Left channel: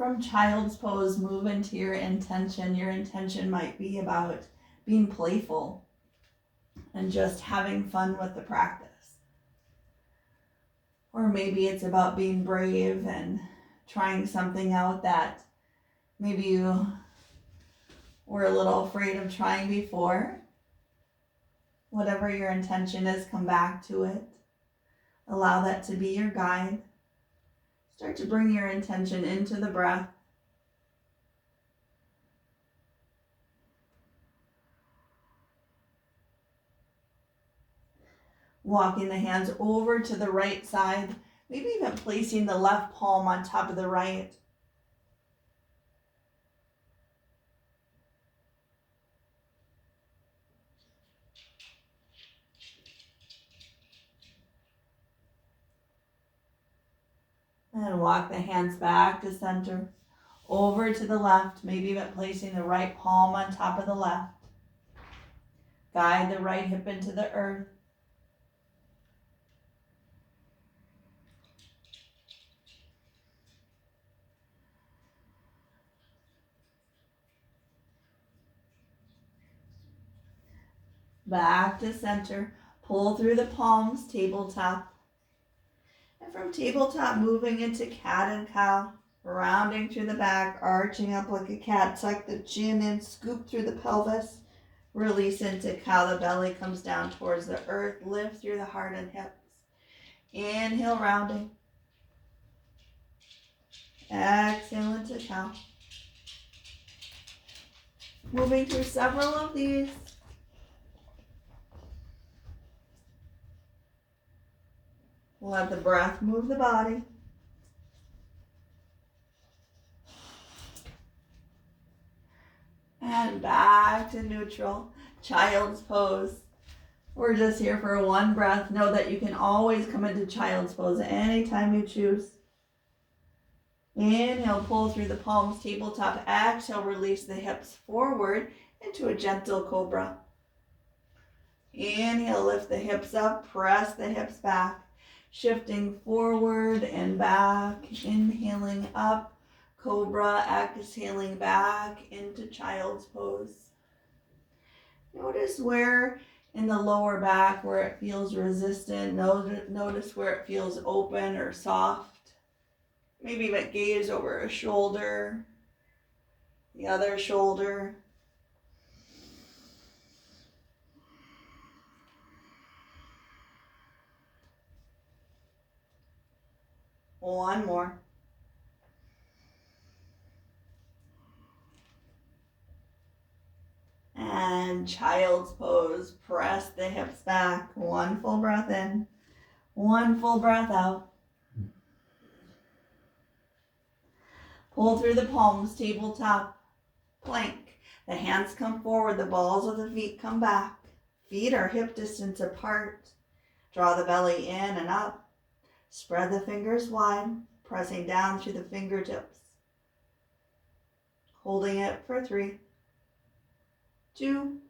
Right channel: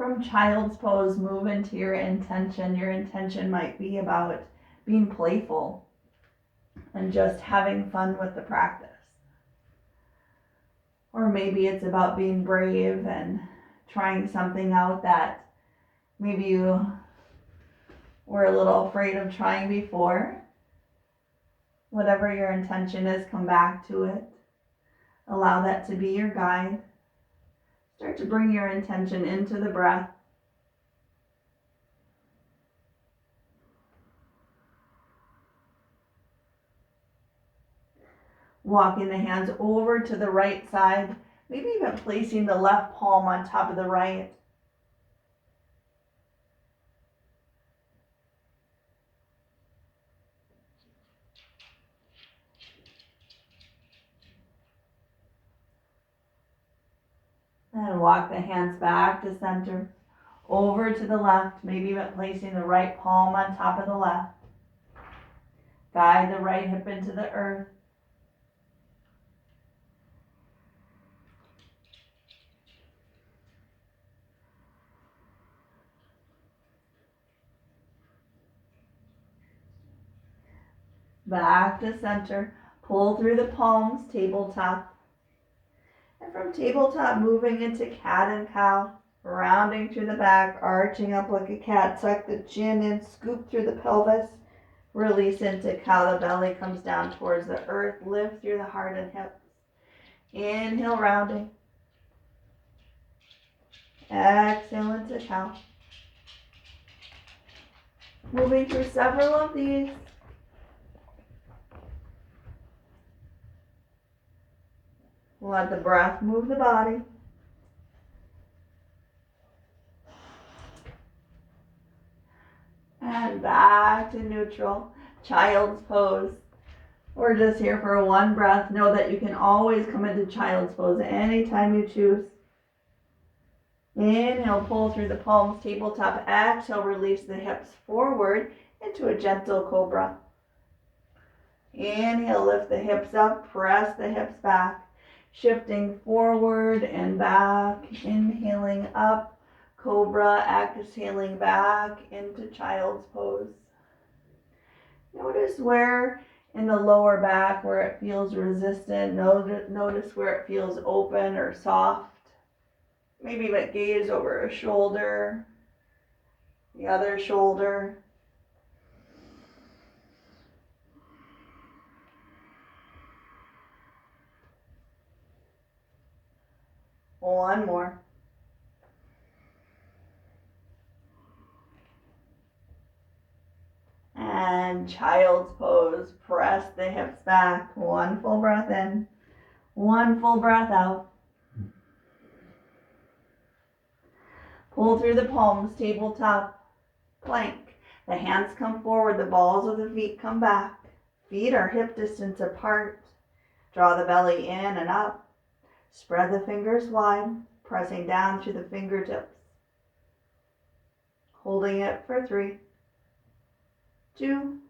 from child's pose, move into your intention. Your intention might be about being playful and just having fun with the practice. Or maybe it's about being brave and trying something out that maybe you were a little afraid of trying before. Whatever your intention is, come back to it. Allow that to be your guide. Start to bring your intention into the breath. Walking the hands over to the right side, maybe even placing the left palm on top of the right. And walk the hands back to center, over to the left, maybe even placing the right palm on top of the left. Guide the right hip into the earth. Back to center, pull through the palms, tabletop. And from tabletop, moving into cat and cow, rounding through the back, arching up like a cat, tuck the chin in, scoop through the pelvis, release into cow, the belly comes down towards the earth, lift through the heart and hips. Inhale, rounding. Exhale into cow. Moving through several of these. Let the breath move the body. And back to neutral, child's pose. We're just here for one breath. Know that you can always come into child's pose anytime you choose. Inhale, pull through the palms, tabletop. Exhale, release the hips forward into a gentle cobra. Inhale, lift the hips up, press the hips back. Shifting forward and back, inhaling up, cobra, exhaling back into child's pose. Notice where in the lower back where it feels resistant. Notice where it feels open or soft. Maybe even gaze over a shoulder, the other shoulder. One more. And child's pose. Press the hips back. One full breath in. One full breath out. Pull through the palms, tabletop, plank. The hands come forward. The balls of the feet come back. Feet are hip distance apart. Draw the belly in and up. Spread the fingers wide, pressing down through the fingertips. Holding it for 3, 2,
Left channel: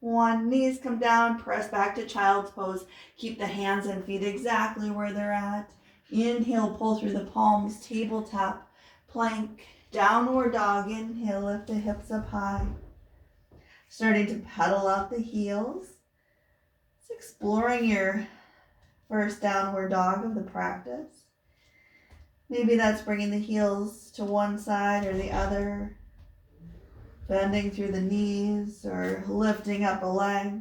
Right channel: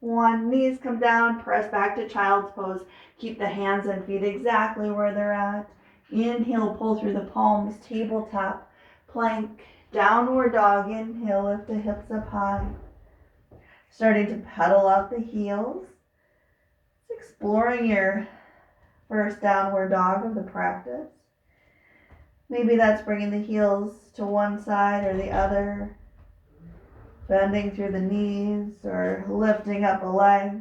1. Knees come down, press back to child's pose. Keep the hands and feet exactly where they're at. Inhale, pull through the palms, tabletop, plank, downward dog. Inhale, lift the hips up high. Starting to pedal out the heels. It's exploring your first downward dog of the practice. Maybe that's bringing the heels to one side or the other, bending through the knees or lifting up a leg.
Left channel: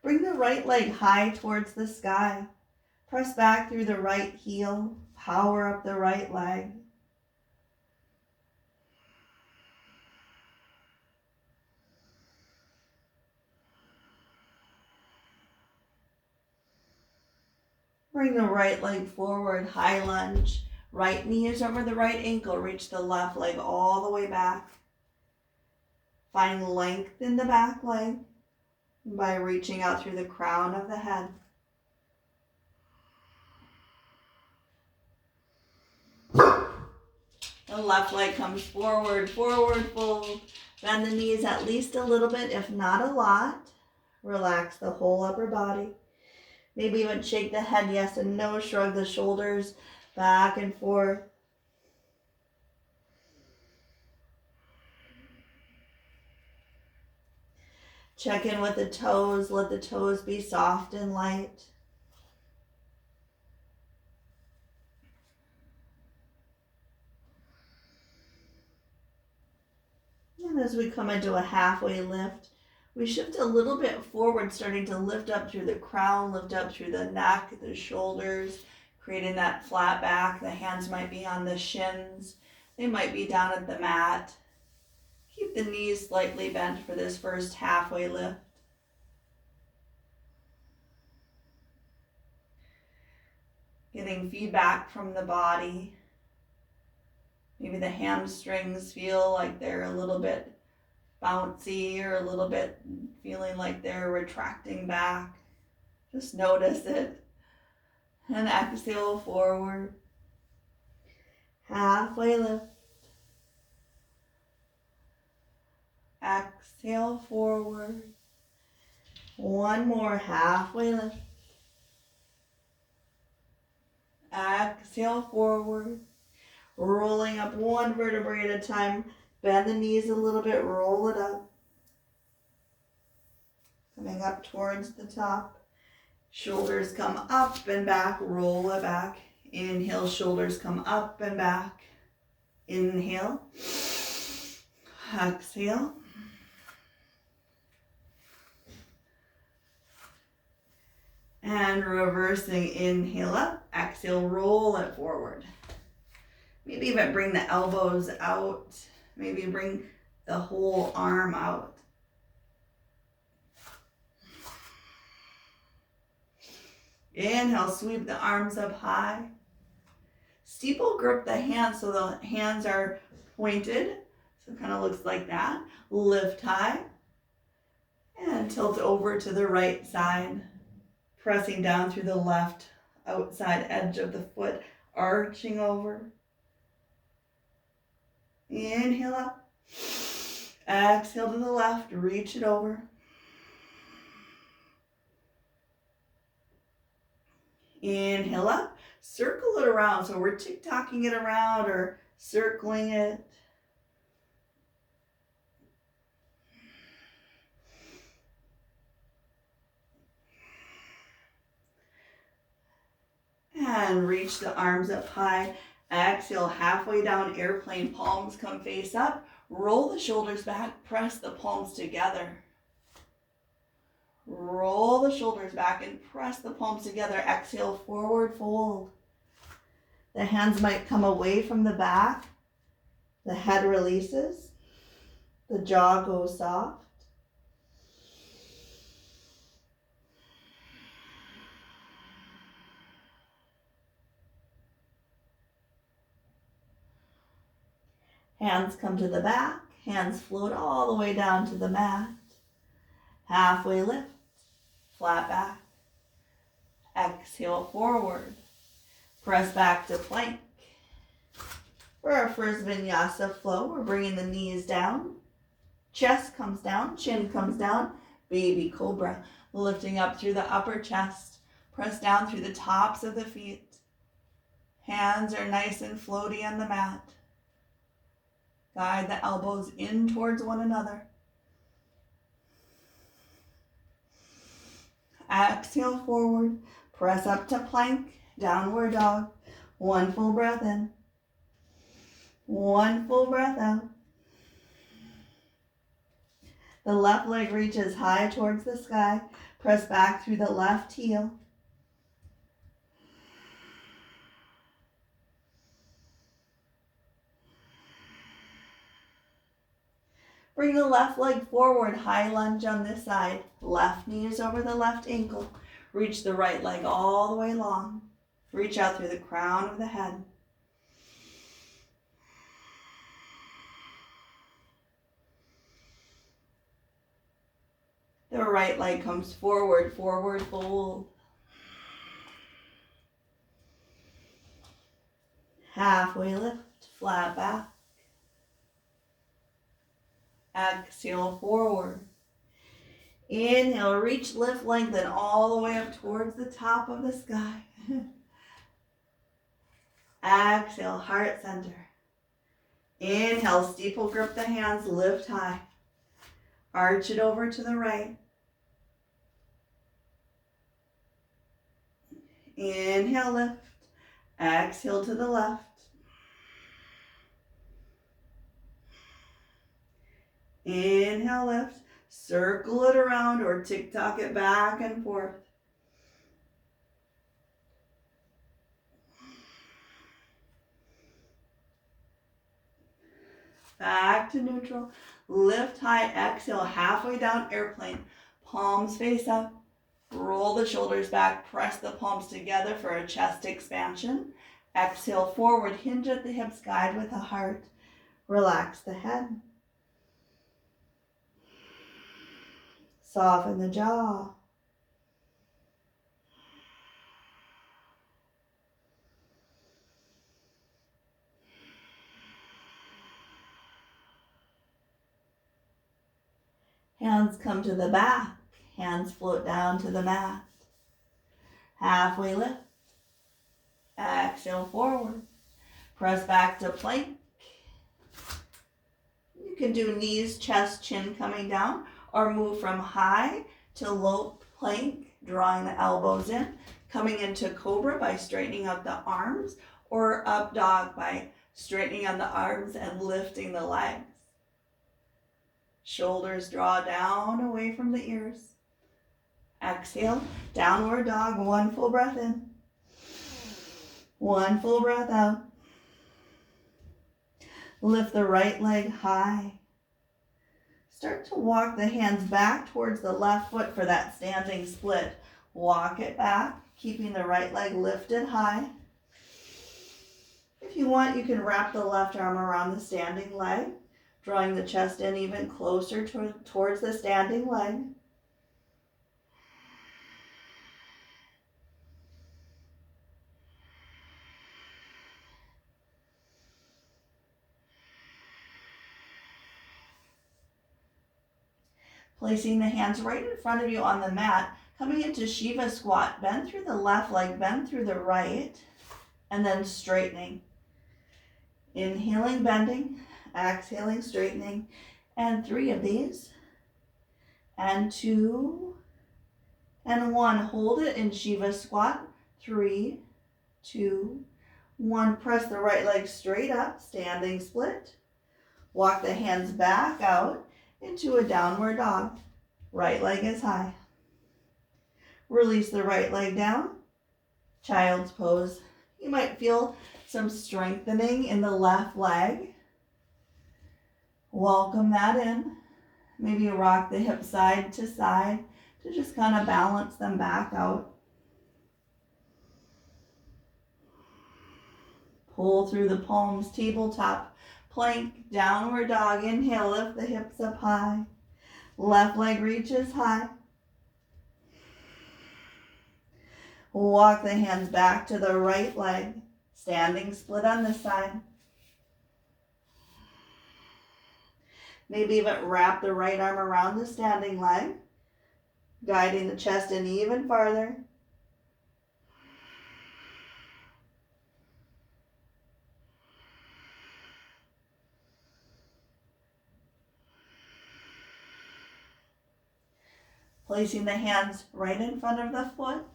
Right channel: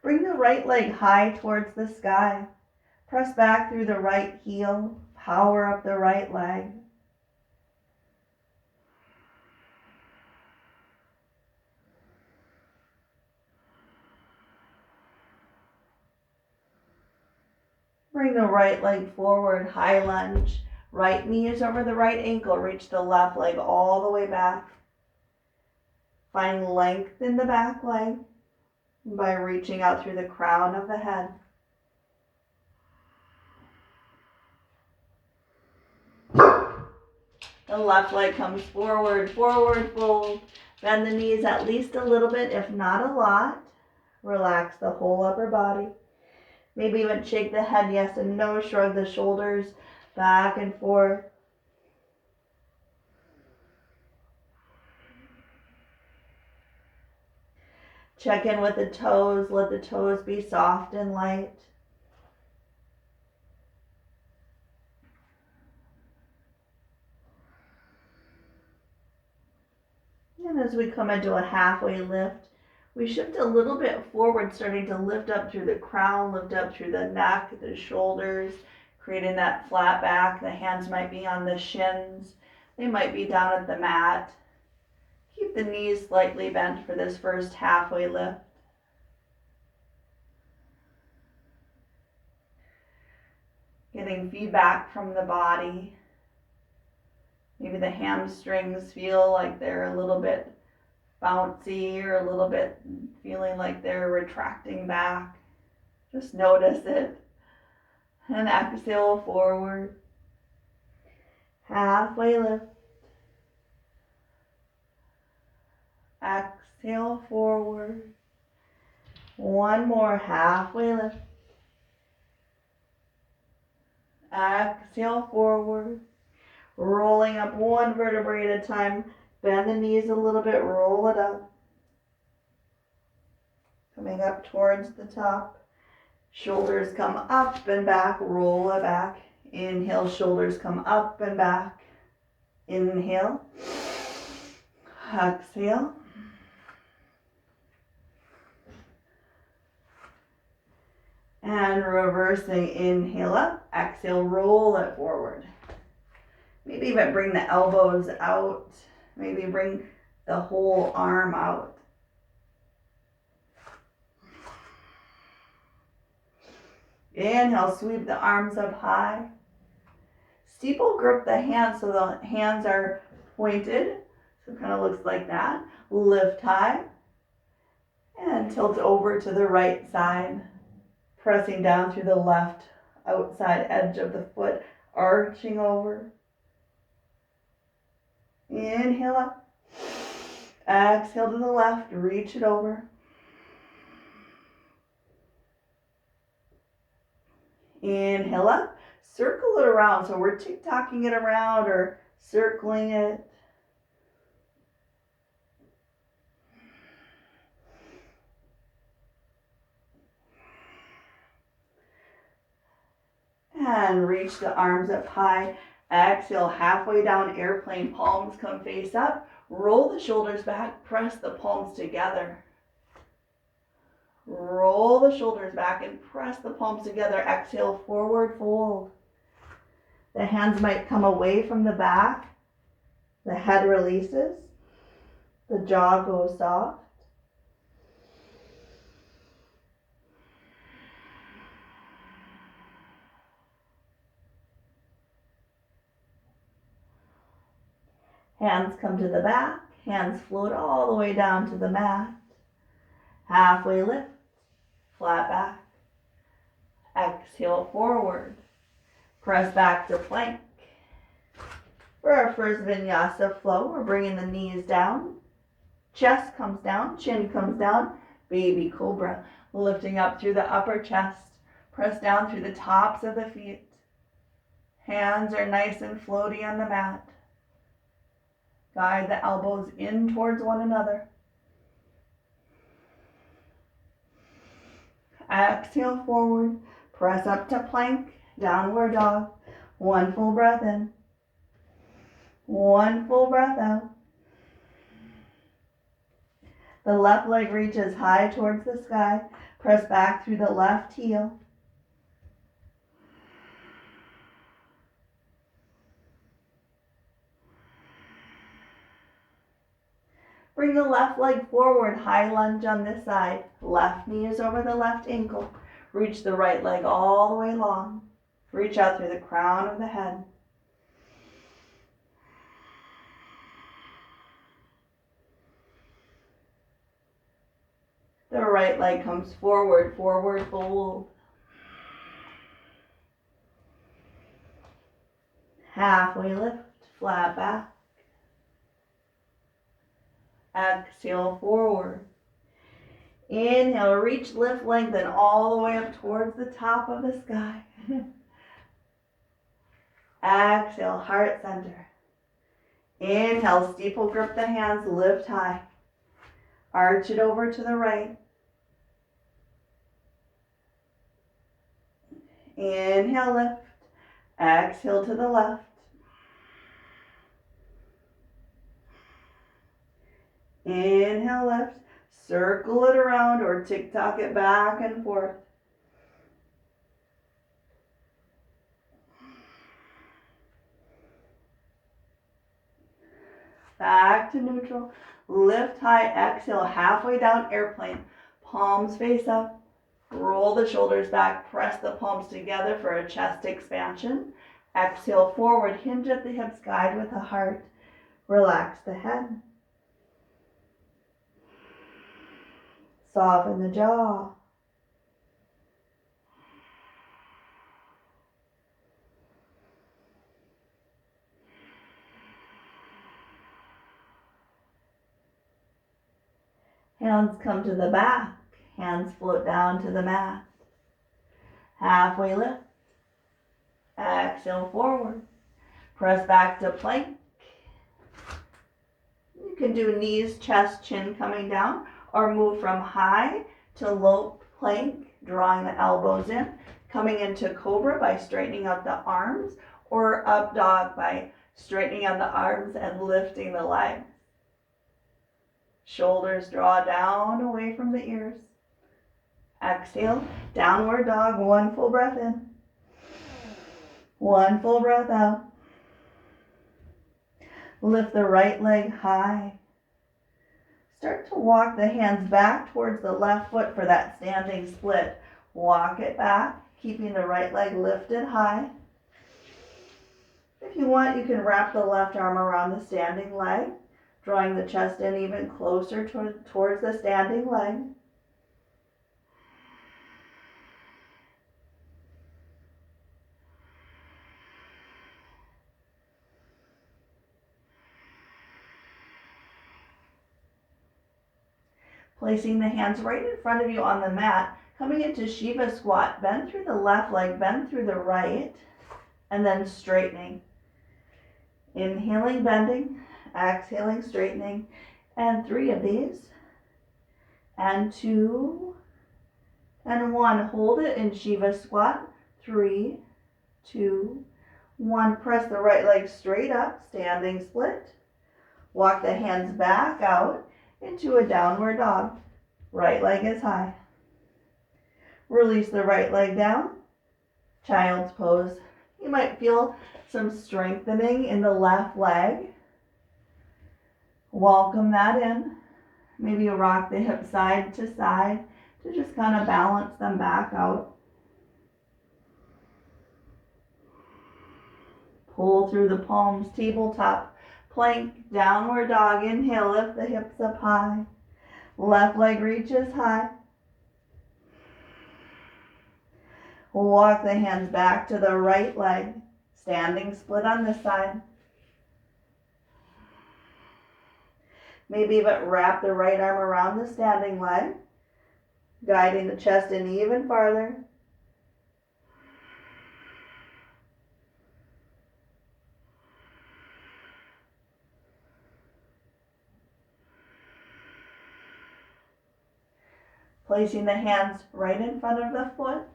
Bring the right leg high towards the sky. Press back through the right heel. Power up the right leg. Bring the right leg forward, high lunge. Right knee is over the right ankle. Reach the left leg all the way back. Find length in the back leg by reaching out through the crown of the head. The left leg comes forward, forward fold. Bend the knees at least a little bit, if not a lot. Relax the whole upper body. Maybe even shake the head yes and no. Shrug the shoulders back and forth. Check in with the toes. Let the toes be soft and light. And as we come into a halfway lift, we shift a little bit forward, starting to lift up through the crown, lift up through the neck, the shoulders, creating that flat back. The hands might be on the shins. They might be down at the mat. Keep the knees slightly bent for this first halfway lift. Getting feedback from the body. Maybe the hamstrings feel like they're a little bit bouncy or a little bit feeling like they're retracting back. Just notice it. And exhale forward. Halfway lift. Exhale forward. One more halfway lift. Exhale forward. Rolling up one vertebrae at a time. Bend the knees a little bit, roll it up. Coming up towards the top. Shoulders come up and back, roll it back. Inhale, shoulders come up and back. Inhale. Exhale. And reversing, inhale up, exhale, roll it forward. Maybe even bring the elbows out. Maybe bring the whole arm out. Inhale, sweep the arms up high. Steeple grip the hands so the hands are pointed. So it kind of looks like that. Lift high. And tilt over to the right side. Pressing down through the left outside edge of the foot. Arching over. Inhale up. Exhale to the left. Reach it over. Inhale up. Circle it around. So we're tick-tocking it around or circling it. And reach the arms up high. Exhale, halfway down, airplane, palms come face up. Roll the shoulders back, press the palms together. Roll the shoulders back and press the palms together. Exhale, forward fold. The hands might come away from the back. The head releases. The jaw goes soft. Hands come to the back. Hands float all the way down to the mat. Halfway lift. Flat back. Exhale forward. Press back to plank. For our first vinyasa flow, we're bringing the knees down. Chest comes down. Chin comes down. Baby cobra. Lifting up through the upper chest. Press down through the tops of the feet. Hands are nice and floaty on the mat. Guide the elbows in towards one another. Exhale forward. Press up to plank. Downward dog. One full breath in. One full breath out. The left leg reaches high towards the sky. Press back through the left heel. Bring the left leg forward, high lunge on this side. Left knee is over the left ankle. Reach the right leg all the way long. Reach out through the crown of the head. The right leg comes forward, forward fold. Halfway lift, flat back. Exhale, forward. Inhale, reach, lift, lengthen all the way up towards the top of the sky. Exhale, heart center. Inhale, steeple grip the hands, lift high. Arch it over to the right. Inhale, lift. Exhale to the left. Inhale, lift. Circle it around or tick-tock it back and forth. Back to neutral. Lift high, exhale, halfway down, airplane. Palms face up. Roll the shoulders back, press the palms together for a chest expansion. Exhale, forward, hinge at the hips, guide with the heart. Relax the head. Soften the jaw. Hands come to the back. Hands float down to the mat. Halfway lift. Exhale, forward. Press back to plank. You can do knees, chest, chin coming down, or move from high to low plank, drawing the elbows in, coming into cobra by straightening out the arms, or up dog by straightening out the arms and lifting the legs. Shoulders draw down away from the ears. Exhale, downward dog, one full breath in. One full breath out. Lift the right leg high. Start to walk the hands back towards the left foot for that standing split. Walk it back, keeping the right leg lifted high. If you want, you can wrap the left arm around the standing leg, drawing the chest in even closer towards the standing leg. Placing the hands right in front of you on the mat, coming into Shiva squat. Bend through the left leg, bend through the right, and then straightening. Inhaling, bending, exhaling, straightening, and 3 of these, and 2, and 1. Hold it in Shiva squat. 3, 2, 1. Press the right leg straight up, standing split. Walk the hands back out into a downward dog. Right leg is high. Release the right leg down. Child's pose. You might feel some strengthening in the left leg. Welcome that in. Maybe rock the hips side to side to just kind of balance them back out. Pull through the palms, tabletop. Plank, downward dog. Inhale, lift the hips up high. Left leg reaches high. Walk the hands back to the right leg. Standing split on this side. Maybe even wrap the right arm around the standing leg, guiding the chest in even farther. Placing the hands right in front of the foot,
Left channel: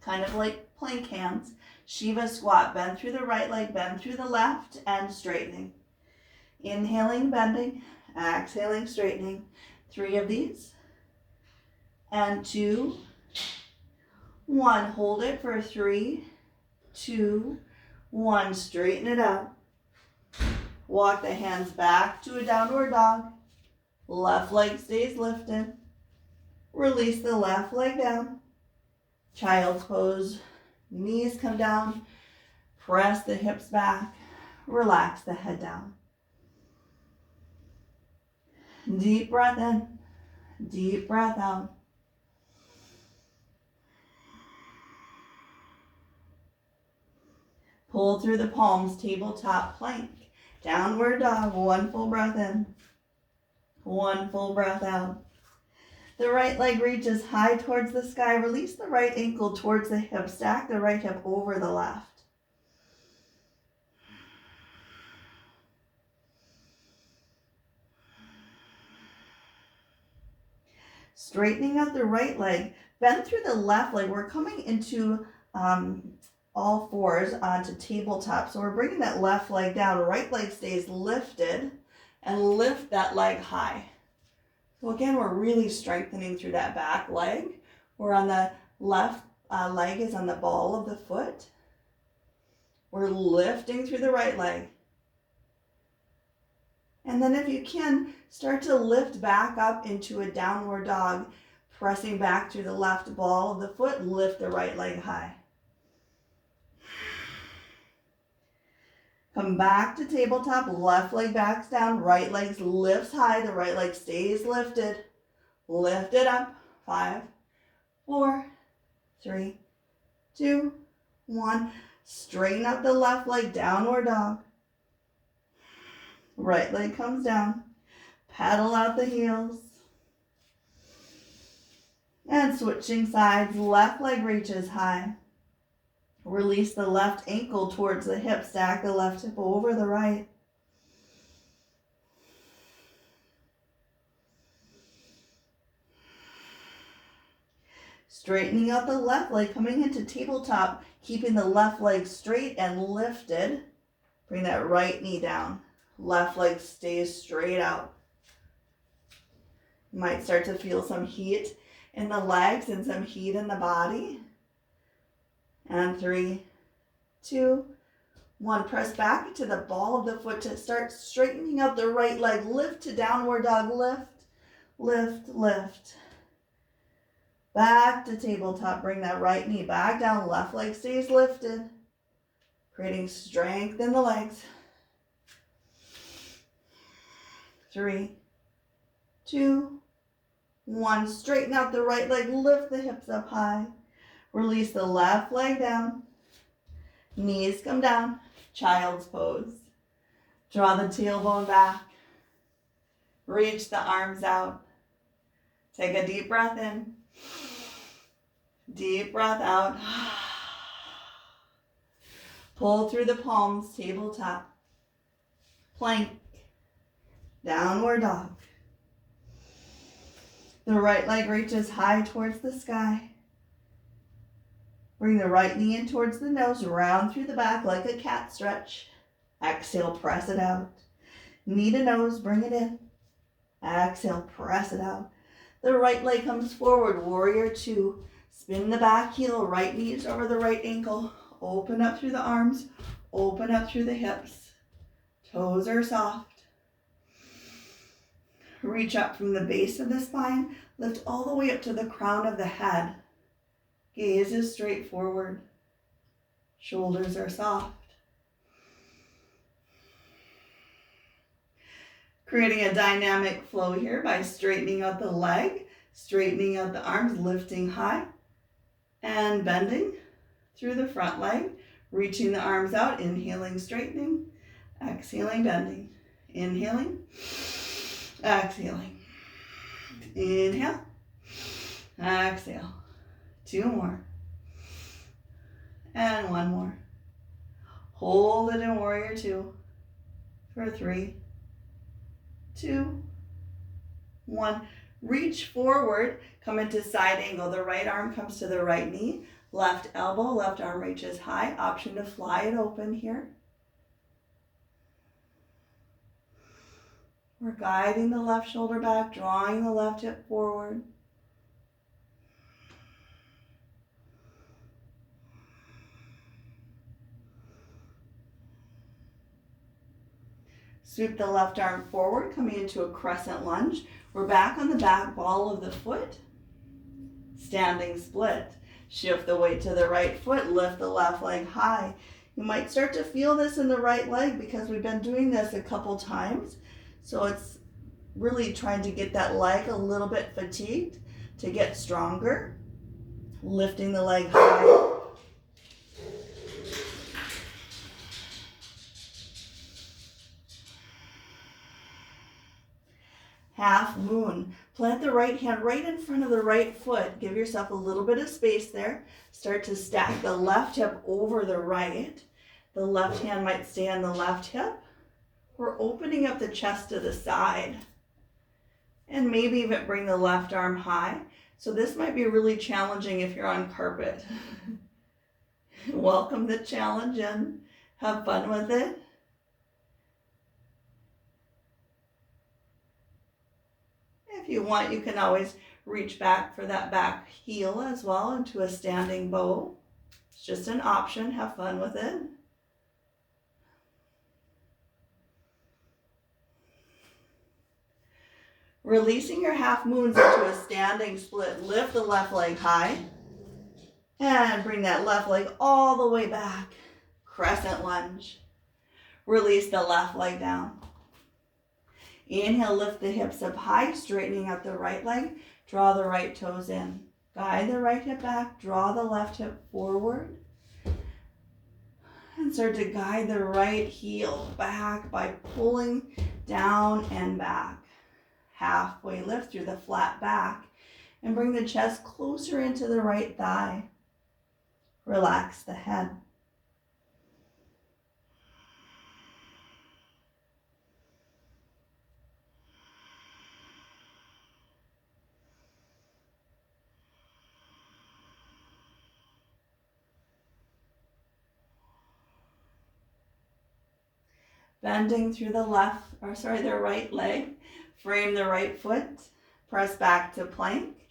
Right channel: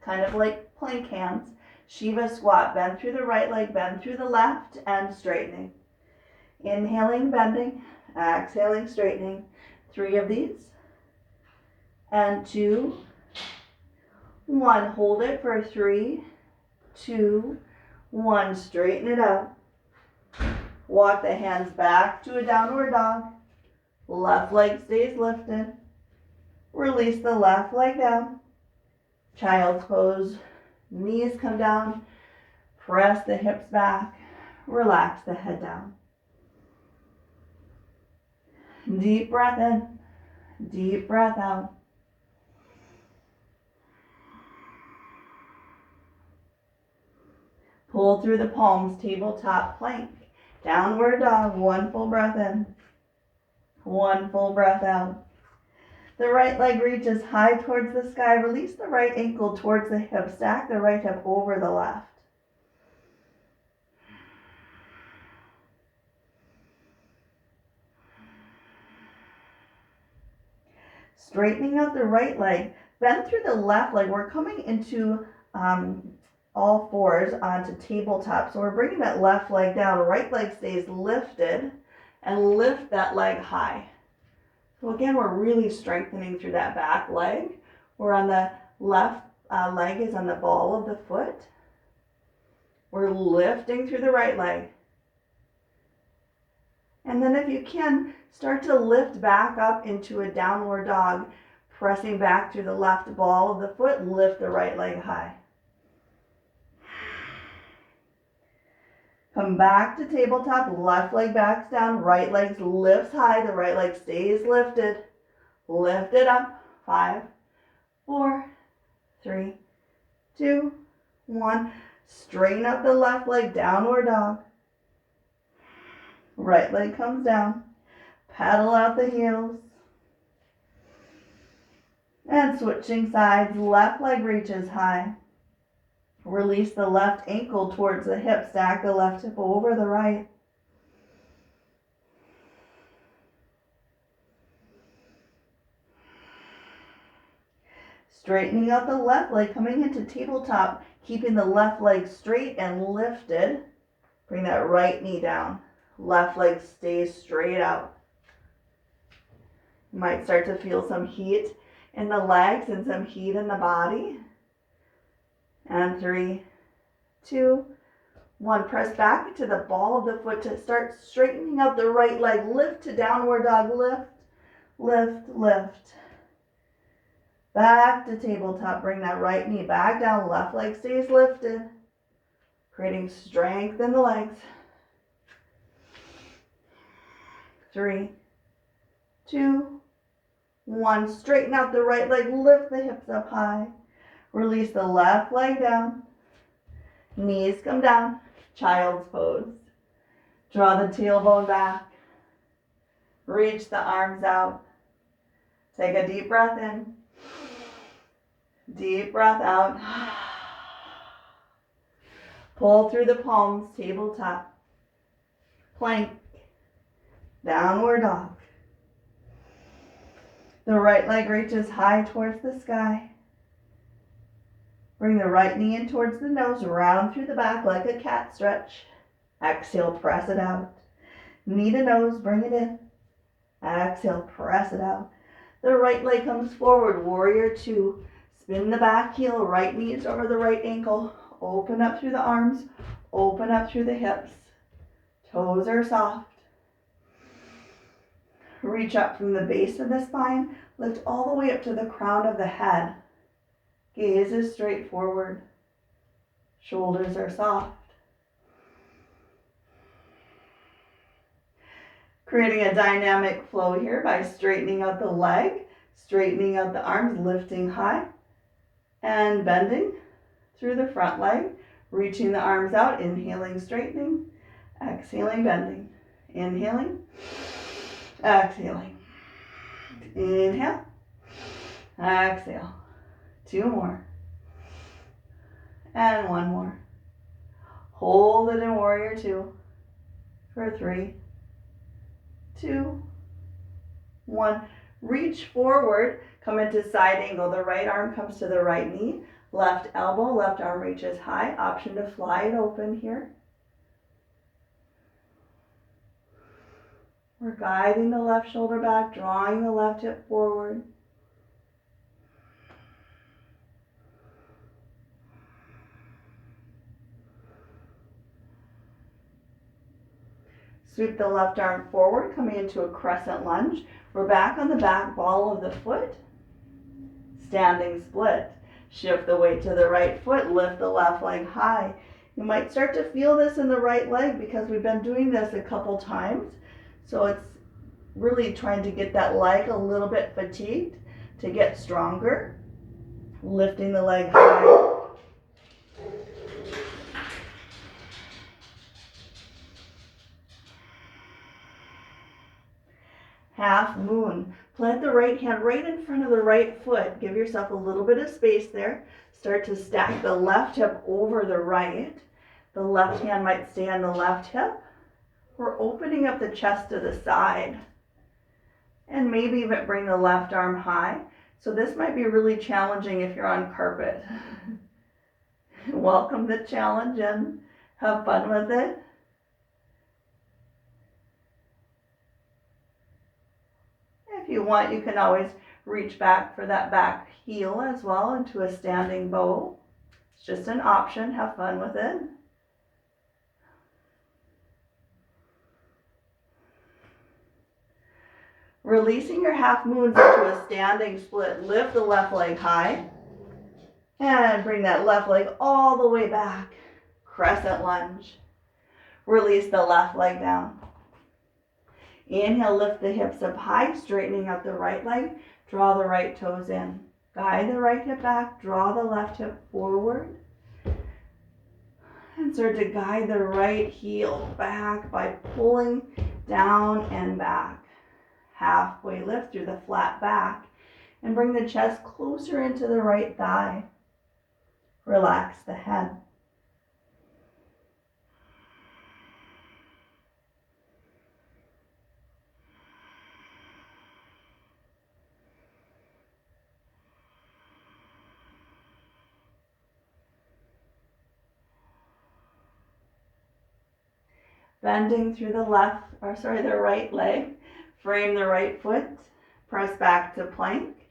kind of like plank hands. Shiva squat, bend through the right leg, bend through the left, and straightening. Inhaling, bending, exhaling, straightening. 3 of these, and 2, 1. Hold it for 3, 2, 1. Straighten it out. Walk the hands back to a downward dog. Left leg stays lifted. Release the left leg down. Child's pose. Knees come down. Press the hips back. Relax the head down. Deep breath in. Deep breath out. Pull through the palms, tabletop plank. Downward dog, 1 full breath in, 1 full breath out. The right leg reaches high towards the sky. Release the right ankle towards the hip. Stack the right hip over the left. Straightening out the right leg. Bend through the left leg. We're coming into all fours onto tabletop. So we're bringing that left leg down. Right leg stays lifted and lift that leg high. So again, we're really strengthening through that back leg. We're on the left leg is on the ball of the foot. We're lifting through the right leg. And then if you can, start to lift back up into a downward dog, pressing back through the left ball of the foot, lift the right leg high. Come back to tabletop, left leg backs down, right leg lifts high, the right leg stays lifted. Lift it up, 5, 4, 3, 2, 1. Straighten up the left leg, downward dog. Right leg comes down. Paddle out the heels. And switching sides, left leg reaches high. Release the left ankle towards the hip. Stack the left hip over the right. Straightening out the left leg, coming into tabletop, keeping the left leg straight and lifted. Bring that right knee down. Left leg stays straight out. You might start to feel some heat in the legs and some heat in the body. And 3, 2, 1. Press back to the ball of the foot to start straightening out the right leg. Lift to downward dog. Lift, lift, lift. Back to tabletop. Bring that right knee back down. Left leg stays lifted. Creating strength in the legs. 3, 2, 1. Straighten out the right leg. Lift the hips up high. Release the left leg down. Knees come down. Child's pose. Draw the tailbone back. Reach the arms out. Take a deep breath in. Deep breath out. Pull through the palms, tabletop. Plank. Downward dog. The right leg reaches high towards the sky. Bring the right knee in towards the nose, round through the back like a cat stretch. Exhale, press it out. Knee to nose, bring it in. Exhale, press it out. The right leg comes forward, warrior 2. Spin the back heel, right knee is over the right ankle. Open up through the arms, open up through the hips. Toes are soft. Reach up from the base of the spine, lift all the way up to the crown of the head. Gaze is straight forward. Shoulders are soft. Creating a dynamic flow here by straightening out the leg, straightening out the arms, lifting high, and bending through the front leg, reaching the arms out, inhaling, straightening, exhaling, bending, inhaling, exhaling, inhale, exhale. 2 more. And 1 more. Hold it in warrior 2 for 3, 2, 1. Reach forward, come into side angle. The right arm comes to the right knee. Left elbow, left arm reaches high. Option to fly it open here. We're guiding the left shoulder back, drawing the left hip forward. Sweep the left arm forward, coming into a crescent lunge. We're back on the back ball of the foot. Standing split. Shift the weight to the right foot, lift the left leg high. You might start to feel this in the right leg because we've been doing this a couple times. So it's really trying to get that leg a little bit fatigued to get stronger. Lifting the leg high. half moon. Plant the right hand right in front of the right foot. Give yourself a little bit of space there. Start to stack the left hip over the right. The left hand might stay on the left hip. We're opening up the chest to the side. And maybe even bring the left arm high. So this might be really challenging if you're on carpet. Welcome the challenge and have fun with it. If you want, you can always reach back for that back heel as well into a standing bow. It's just an option. Have fun with it. Releasing your half moons into a standing split. Lift the left leg high and bring that left leg all the way back. Crescent lunge. Release the left leg down. Inhale, lift the hips up high, straightening out the right leg. Draw the right toes in. Guide the right hip back. Draw the left hip forward. And start to guide the right heel back by pulling down and back. Halfway lift through the flat back and bring the chest closer into the right thigh. Relax the head. Bending through the the right leg. Frame the right foot. Press back to plank.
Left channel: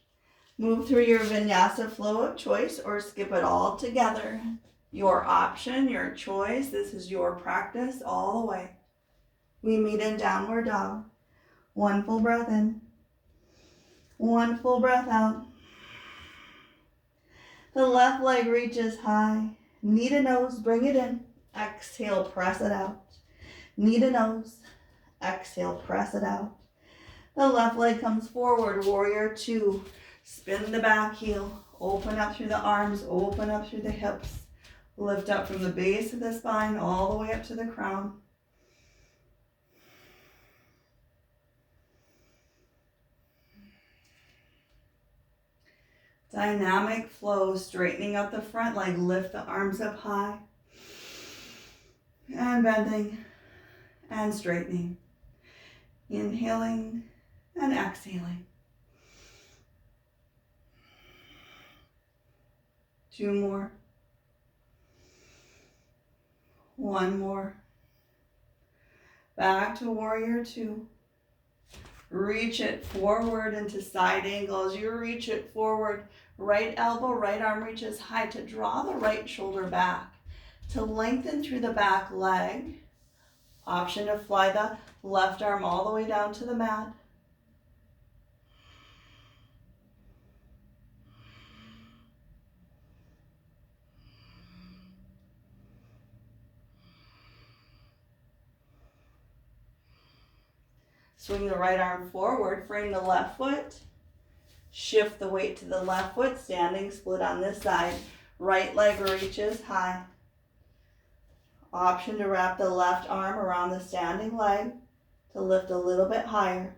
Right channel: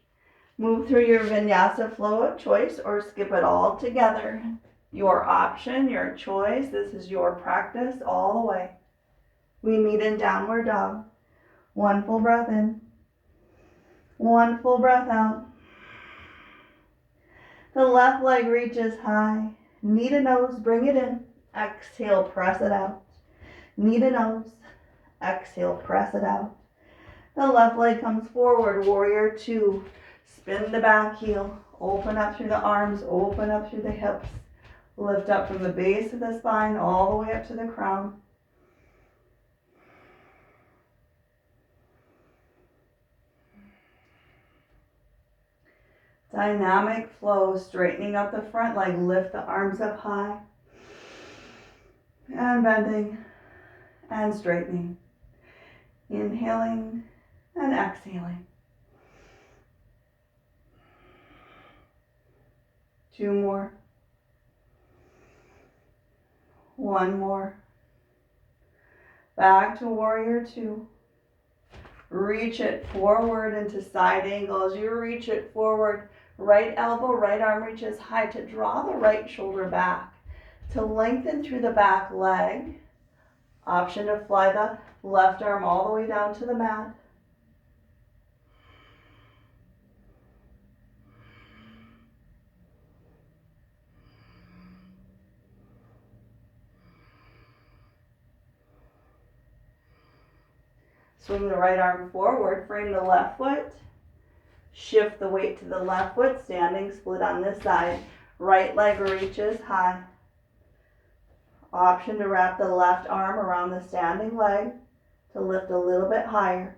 Move through your vinyasa flow of choice or skip it all together. Your option, your choice. This is your practice all the way. We meet in downward dog. One full breath in. One full breath out. The left leg reaches high. Knee to nose, bring it in. Exhale, press it out. Knee to nose. Exhale, press it out. The left leg comes forward, warrior two. Spin the back heel. Open up through the arms, open up through the hips. Lift up from the base of the spine all the way up to the crown. Dynamic flow, straightening up the front leg. Lift the arms up high. And bending and straightening. Inhaling and exhaling. Two more. One more. Back to warrior two. Reach it forward into side angle. As you reach it forward, right elbow, right arm reaches high to draw the right shoulder back. To lengthen through the back leg. Option to fly the left arm all the way down to the mat. Swing the right arm forward, frame the left foot. Shift the weight to the left foot, standing split on this side. Right leg reaches high. Option to wrap the left arm around the standing leg to lift a little bit higher.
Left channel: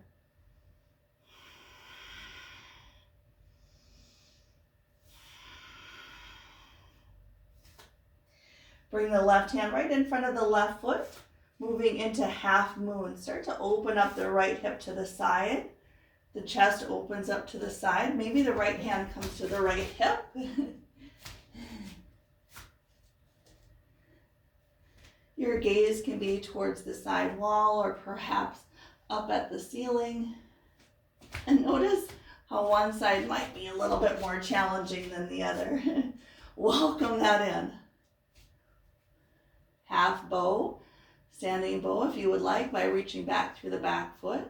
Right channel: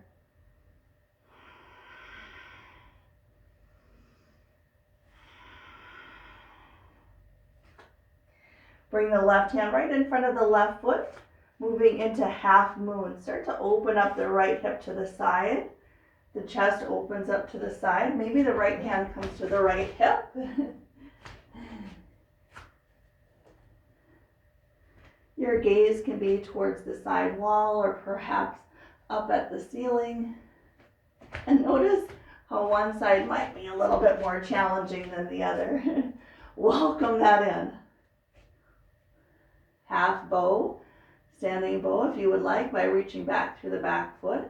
Bring the left hand right in front of the left foot, moving into half moon. Start to open up the right hip to the side. The chest opens up to the side. Maybe the right hand comes to the right hip. Your gaze can be towards the side wall or perhaps up at the ceiling. And notice how one side might be a little bit more challenging than the other. Welcome that in. Half bow, standing bow if you would like by reaching back through the back foot.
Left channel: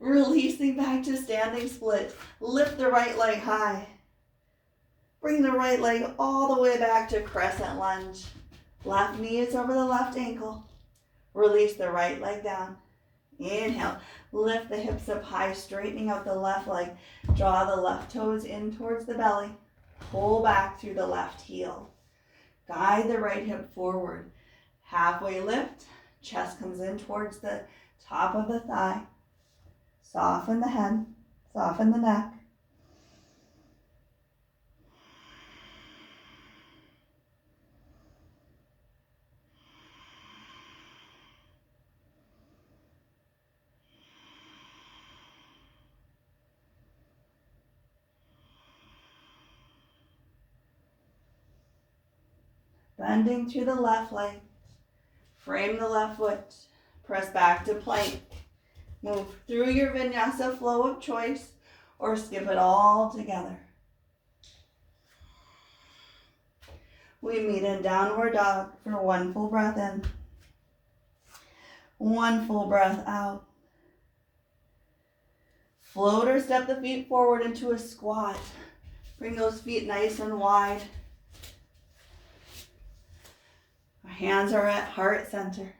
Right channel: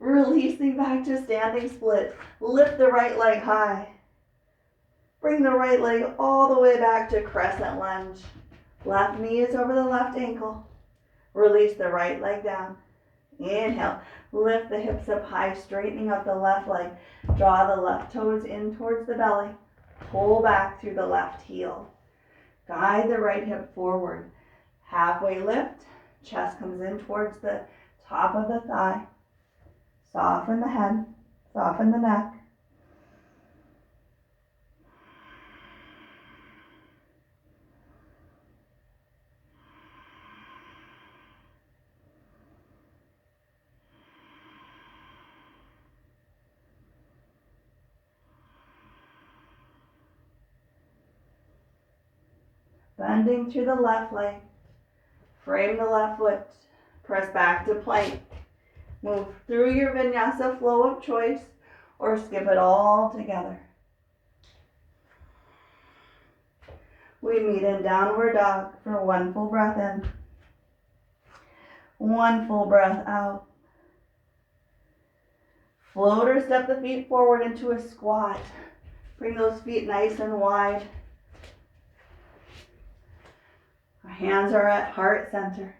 Releasing back to standing split. Lift the right leg high. Bring the right leg all the way back to crescent lunge. Left knee is over the left ankle. Release the right leg down. Inhale. Lift the hips up high, straightening out the left leg. Draw the left toes in towards the belly. Pull back through the left heel. Guide the right hip forward. Halfway lift, chest comes in towards the top of the thigh. Soften the head, soften the neck. Bending through the left leg. Frame the left foot. Press back to plank. Move through your vinyasa flow of choice or skip it all together. We meet in downward dog for one full breath in. One full breath out. Float or step the feet forward into a squat. Bring those feet nice and wide. Our hands are at heart center.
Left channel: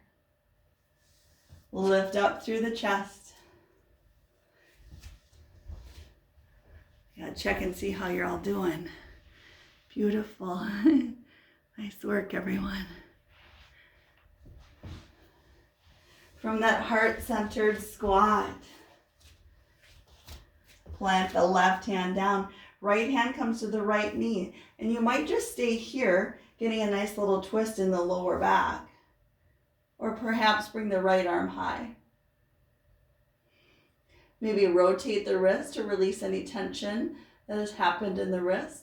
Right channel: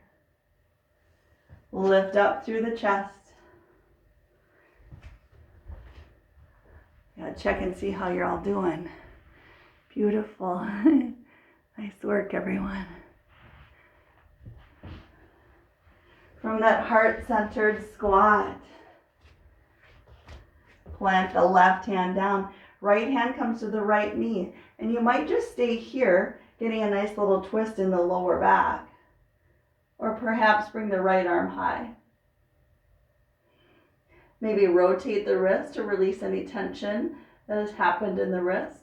Lift up through the chest. Yeah, check and see how you're all doing. Beautiful. Nice work, everyone. From that heart-centered squat, plant the left hand down. Right hand comes to the right knee. And you might just stay here, getting a nice little twist in the lower back. Or perhaps bring the right arm high. Maybe rotate the wrist to release any tension that has happened in the wrist.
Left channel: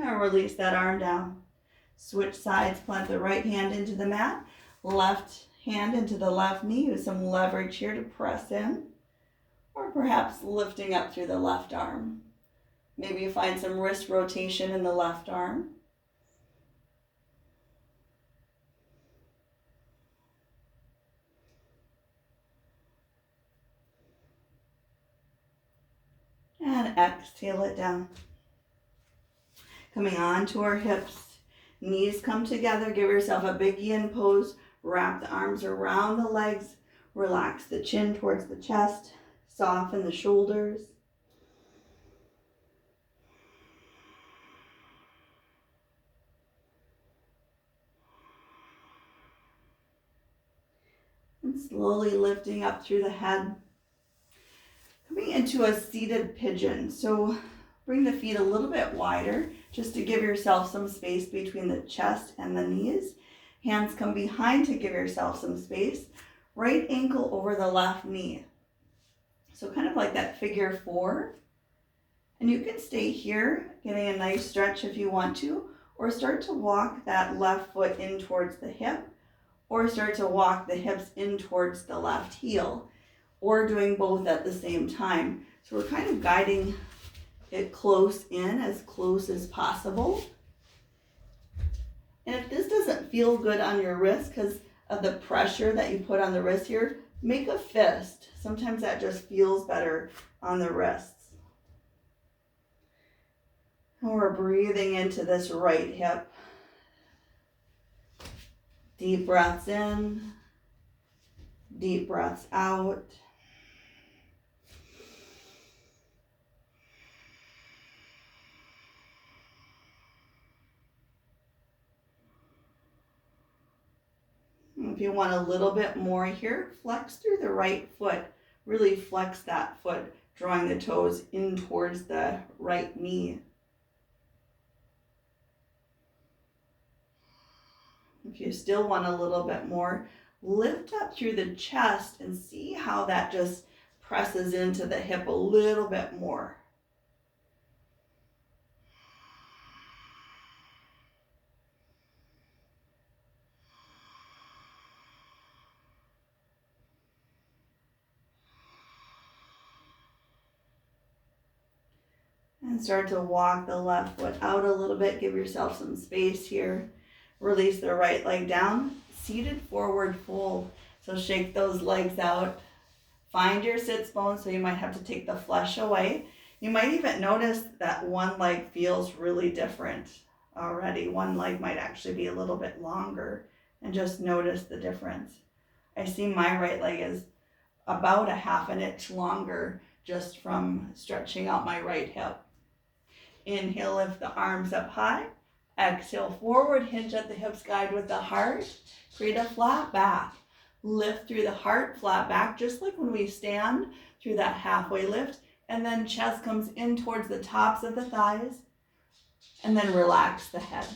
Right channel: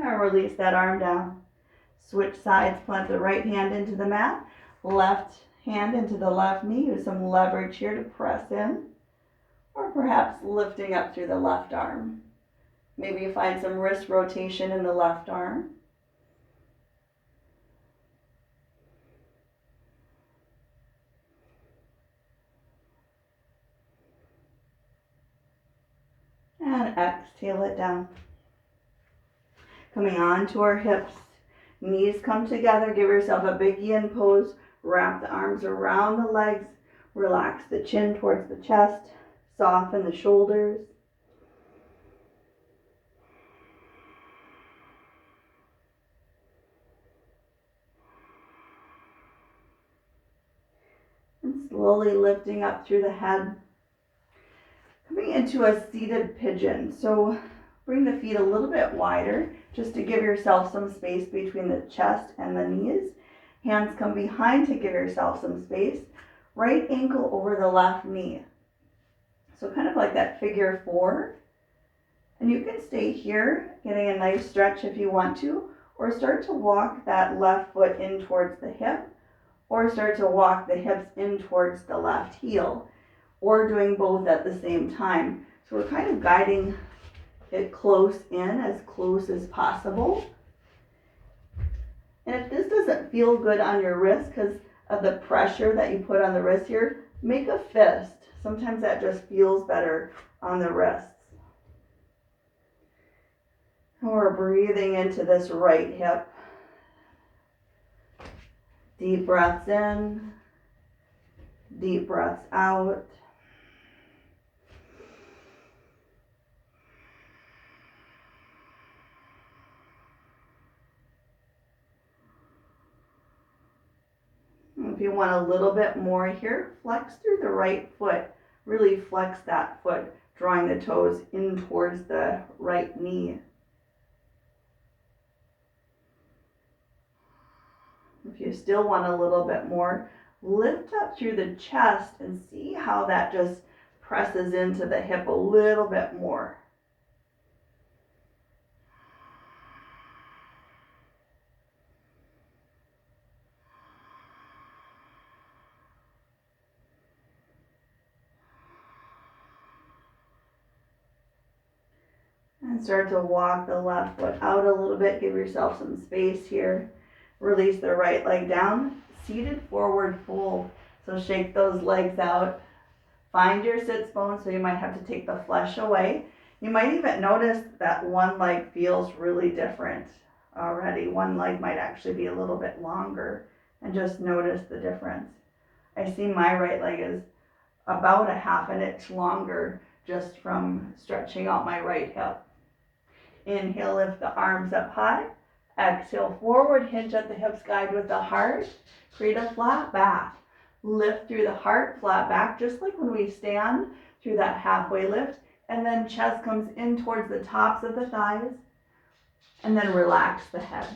And release that arm down. Switch sides, plant the right hand into the mat, left hand into the left knee. Use some leverage here to press in, or perhaps lifting up through the left arm. Maybe you find some wrist rotation in the left arm. And exhale it down. Coming on to our hips. Knees come together. Give yourself a big yin pose. Wrap the arms around the legs. Relax the chin towards the chest. Soften the shoulders. And slowly lifting up through the head. Coming into a seated pigeon. So bring the feet a little bit wider just to give yourself some space between the chest and the knees. Hands come behind to give yourself some space. Right ankle over the left knee. So kind of like that figure four. And you can stay here, getting a nice stretch if you want to, or start to walk that left foot in towards the hip, or start to walk the hips in towards the left heel, or doing both at the same time. So we're kind of guiding it close in, as close as possible. And if this doesn't feel good on your wrist because of the pressure that you put on the wrist here, make a fist. Sometimes that just feels better on the wrists. And we're breathing into this right hip. Deep breaths in, deep breaths out. If you want a little bit more here, flex through the right foot. Really flex that foot, drawing the toes in towards the right knee. If you still want a little bit more, lift up through the chest and see how that just presses into the hip a little bit more. And start to walk the left foot out a little bit. Give yourself some space here. Release the right leg down. Seated forward fold. So shake those legs out. Find your sits bone, so you might have to take the flesh away. You might even notice that one leg feels really different already. One leg might actually be a little bit longer, and just notice the difference. I see my right leg is about a half an inch longer just from stretching out my right hip. Inhale, lift the arms up high. Exhale, forward, hinge at the hips, guide with the heart. Create a flat back. Lift through the heart, flat back, just like when we stand through that halfway lift. And then chest comes in towards the tops of the thighs. And then relax the head.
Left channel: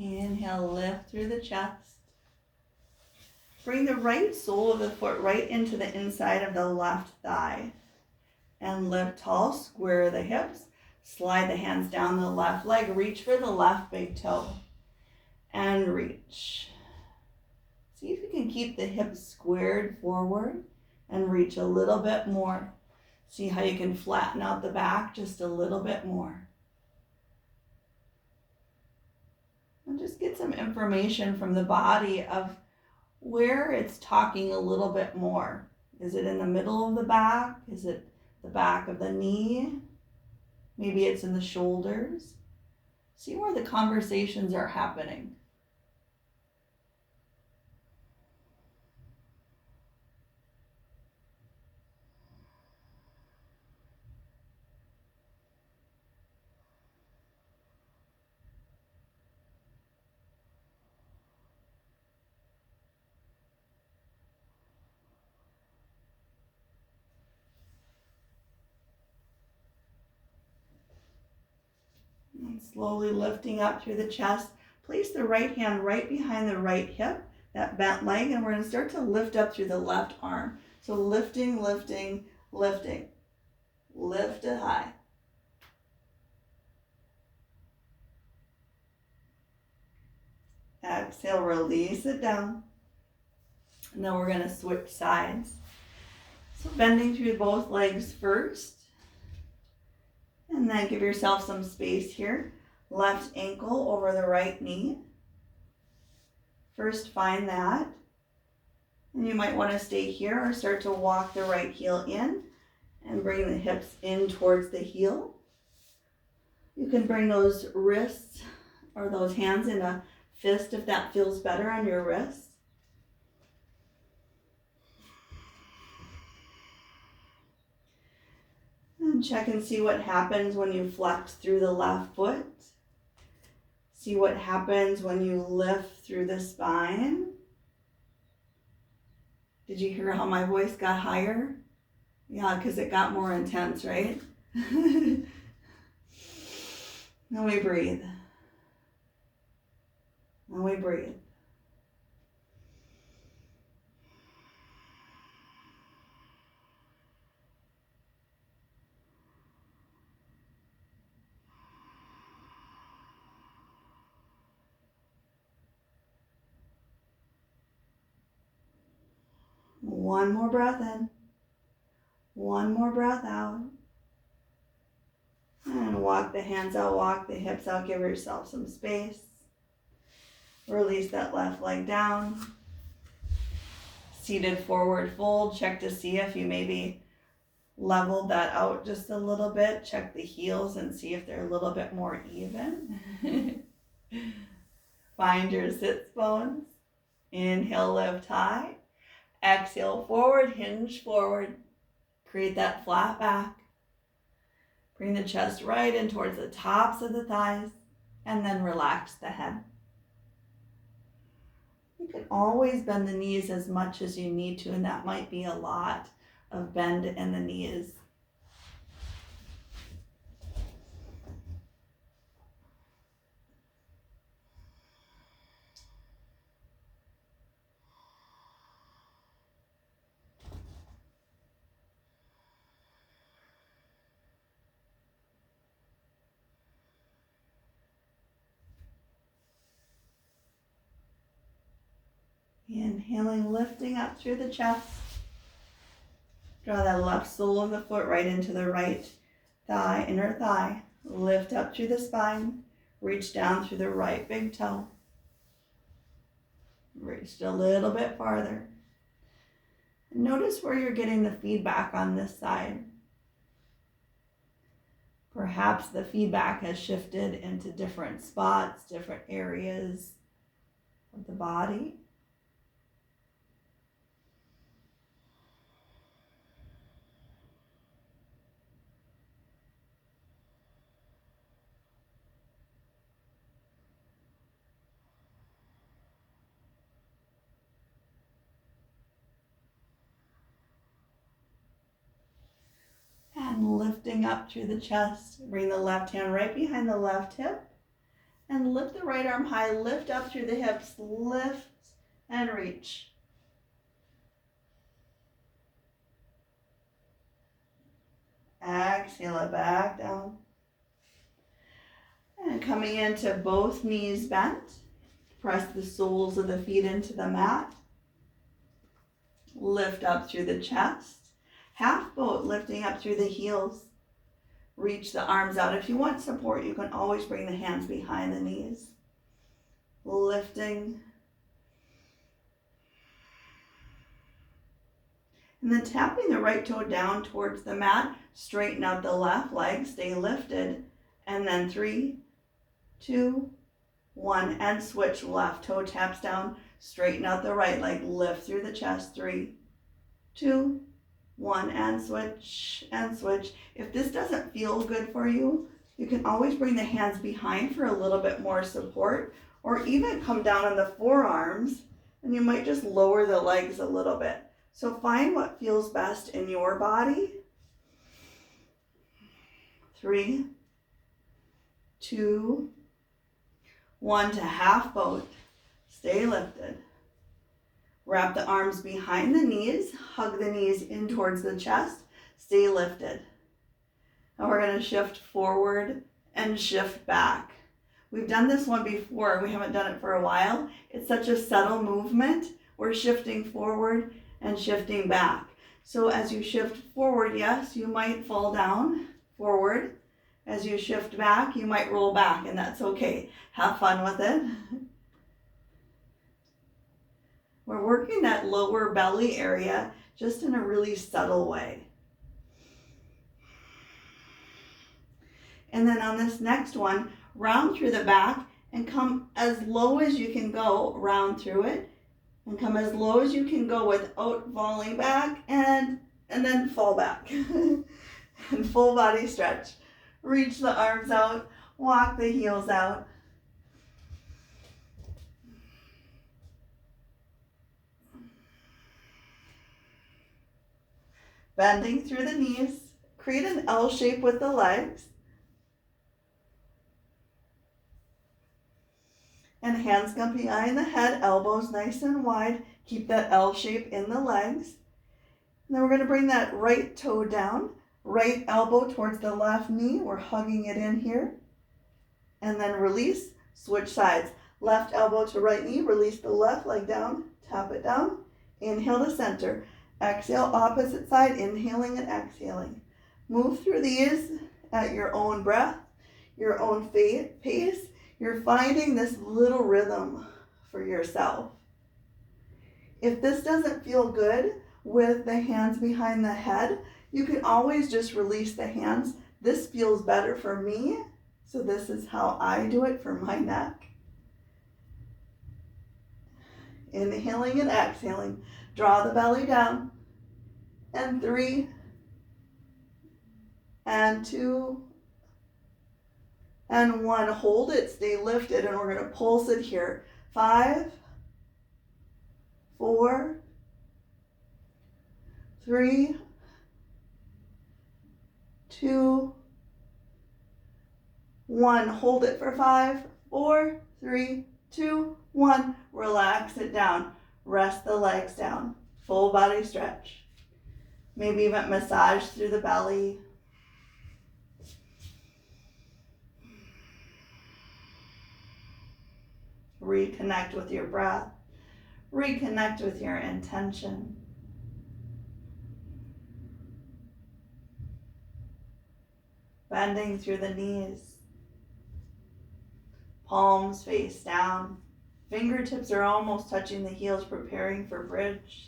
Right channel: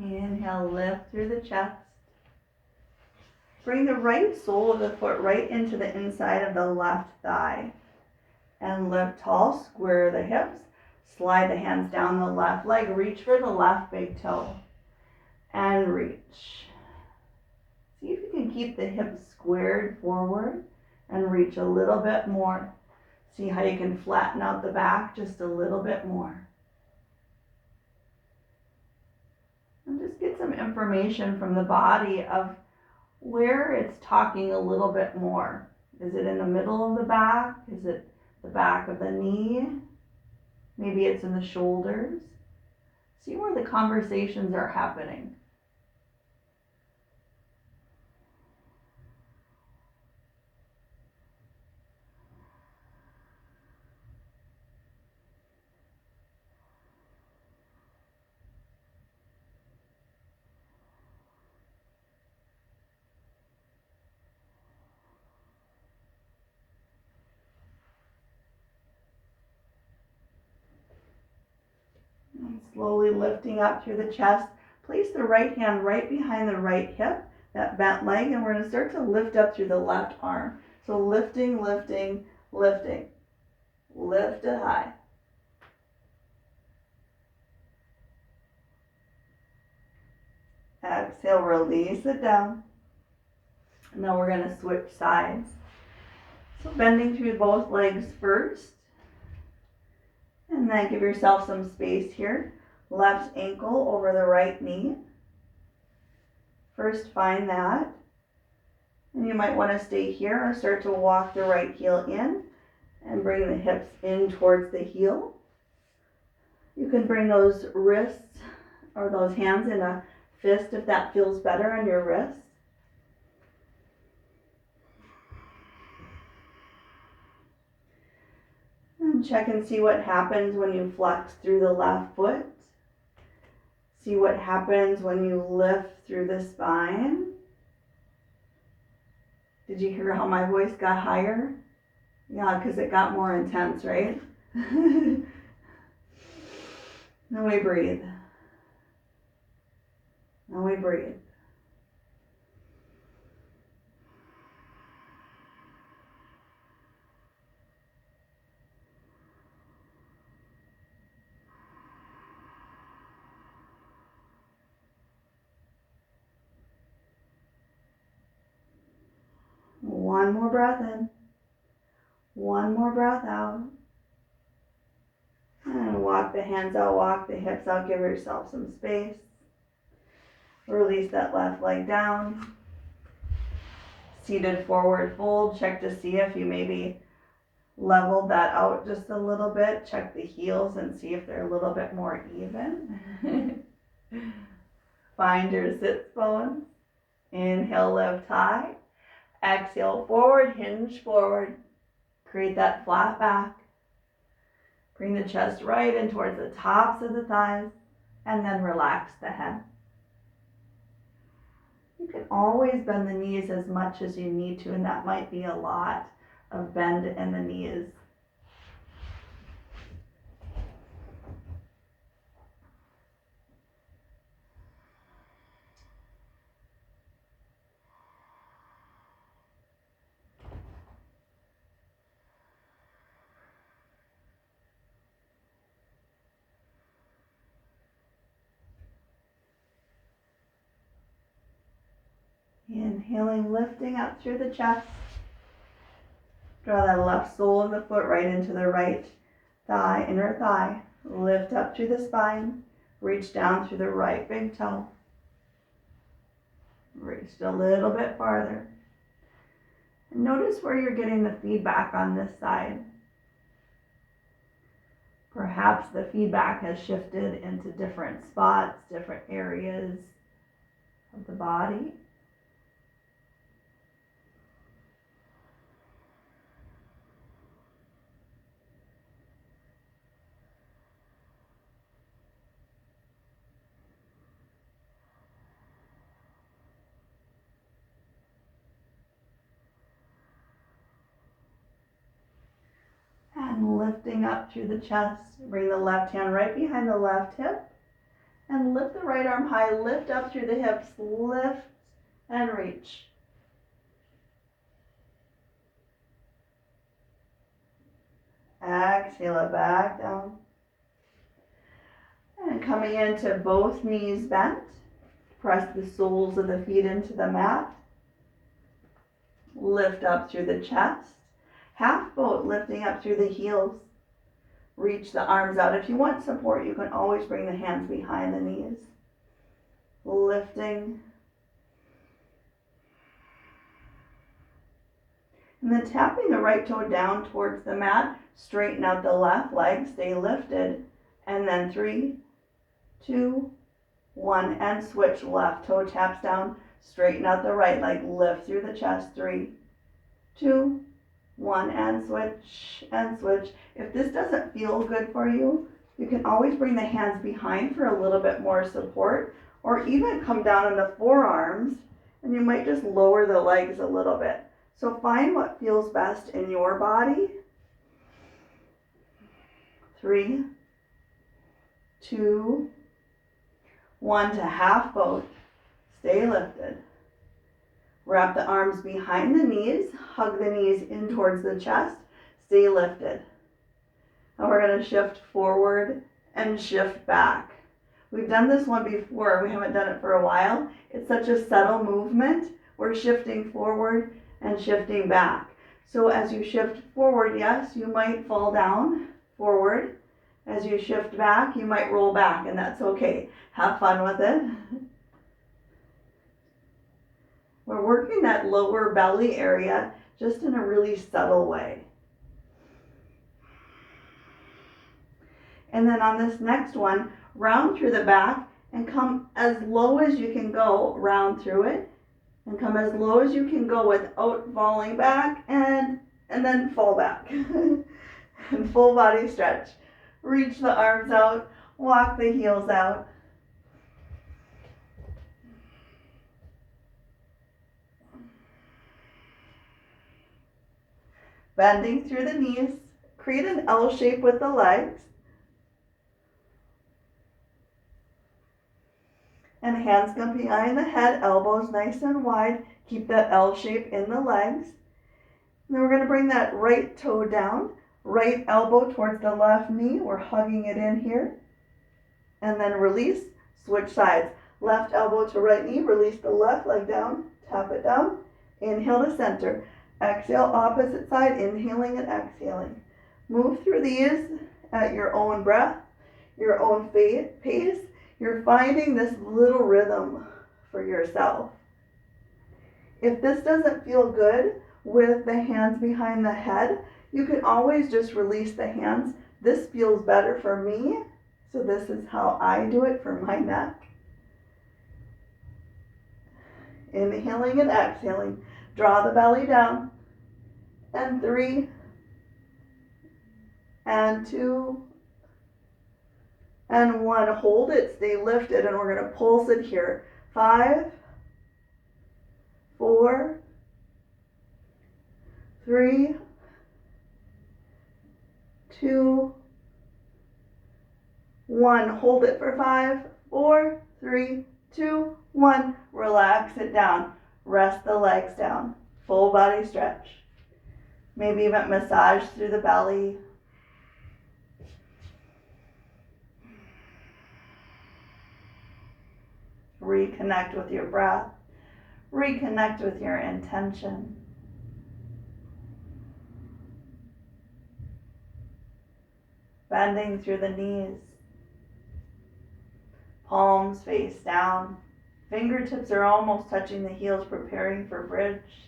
Inhale, lift through the chest. Bring the right sole of the foot right into the inside of the left thigh. And lift tall, square the hips. Slide the hands down the left leg. Reach for the left big toe. And reach. See if you can keep the hips squared forward and reach a little bit more. See how you can flatten out the back just a little bit more. And just get some information from the body of where it's talking a little bit more. Is it in the middle of the back? Is it the back of the knee? Maybe it's in the shoulders. See where the conversations are happening. And slowly lifting up through the chest. Place the right hand right behind the right hip, that bent leg, and we're going to start to lift up through the left arm. So lifting, lifting, lifting. Lift it high. Exhale, release it down. And now we're going to switch sides. So bending through both legs first. And then give yourself some space here. Left ankle over the right knee. First find that. And you might want to stay here or start to walk the right heel in and bring the hips in towards the heel. You can bring those wrists or those hands in a fist if that feels better on your wrist. And check and see what happens when you flex through the left foot. See what happens when you lift through the spine. Did you hear how my voice got higher? Yeah, because it got more intense, right? Then we breathe. And we breathe. One more breath in. One more breath out. And walk the hands out, walk the hips out, give yourself some space. Release that left leg down. Seated forward fold. Check to see if you maybe leveled that out just a little bit. Check the heels and see if they're a little bit more even. Find your sits bones. Inhale, lift high. Exhale, forward, hinge forward. Create that flat back. Bring the chest right in towards the tops of the thighs and then relax the head. You can always bend the knees as much as you need to, and that might be a lot of bend in the knees. Inhaling, lifting up through the chest. Draw that left sole of the foot right into the right thigh, inner thigh. Lift up through the spine. Reach down through the right big toe. Reach a little bit farther. Notice where you're getting the feedback on this side. Perhaps the feedback has shifted into different spots, different areas of the body. And lifting up through the chest, bring the left hand right behind the left hip and lift the right arm high, lift up through the hips, lift and reach. Exhale it back down. And coming into both knees bent, press the soles of the feet into the mat. Lift up through the chest. Half boat, lifting up through the heels. Reach the arms out. If you want support, you can always bring the hands behind the knees. Lifting. And then tapping the right toe down towards the mat. Straighten out the left leg. Stay lifted. And then 3, 2, 1. And switch. Left toe taps down. Straighten out the right leg. Lift through the chest. 3, 2, 1. And switch. And switch. If this doesn't feel good for you, you can always bring the hands behind for a little bit more support, or even come down on the forearms, and you might just lower the legs a little bit. So find what feels best in your body. 3, 2, 1 to half boat. Stay lifted. Wrap the arms behind the knees. Hug the knees in towards the chest. Stay lifted. And we're going to shift forward and shift back. We've done this one before. We haven't done it for a while. It's such a subtle movement. We're shifting forward and shifting back. So as you shift forward, yes, you might fall down forward. As you shift back, you might roll back, and that's okay. Have fun with it. We're working that lower belly area just in a really subtle way. And then on this next one, round through the back and come as low as you can go, round through it, and come as low as you can go without falling back, and then fall back. And full body stretch. Reach the arms out, walk the heels out. Bending through the knees, create an L shape with the legs. And hands come behind the head, elbows nice and wide. Keep that L shape in the legs. And then we're going to bring that right toe down, right elbow towards the left knee. We're hugging it in here. And then release, switch sides. Left elbow to right knee, release the left leg down, tap it down. Inhale to center. Exhale, opposite side, inhaling and exhaling. Move through these at your own breath, your own pace. You're finding this little rhythm for yourself. If this doesn't feel good with the hands behind the head, you can always just release the hands. This feels better for me, so this is how I do it for my neck. Inhaling and exhaling. Draw the belly down. And 3, and 2, and 1. Hold it, stay lifted, and we're going to pulse it here. 5, 4, 3, 2, 1. Hold it for 5, 4, 3, 2, 1. Relax it down. Rest the legs down. Full body stretch. Maybe even massage through the belly. Reconnect with your breath. Reconnect with your intention. bending through the knees. Palms face down. Fingertips are almost touching the heels, preparing for bridge.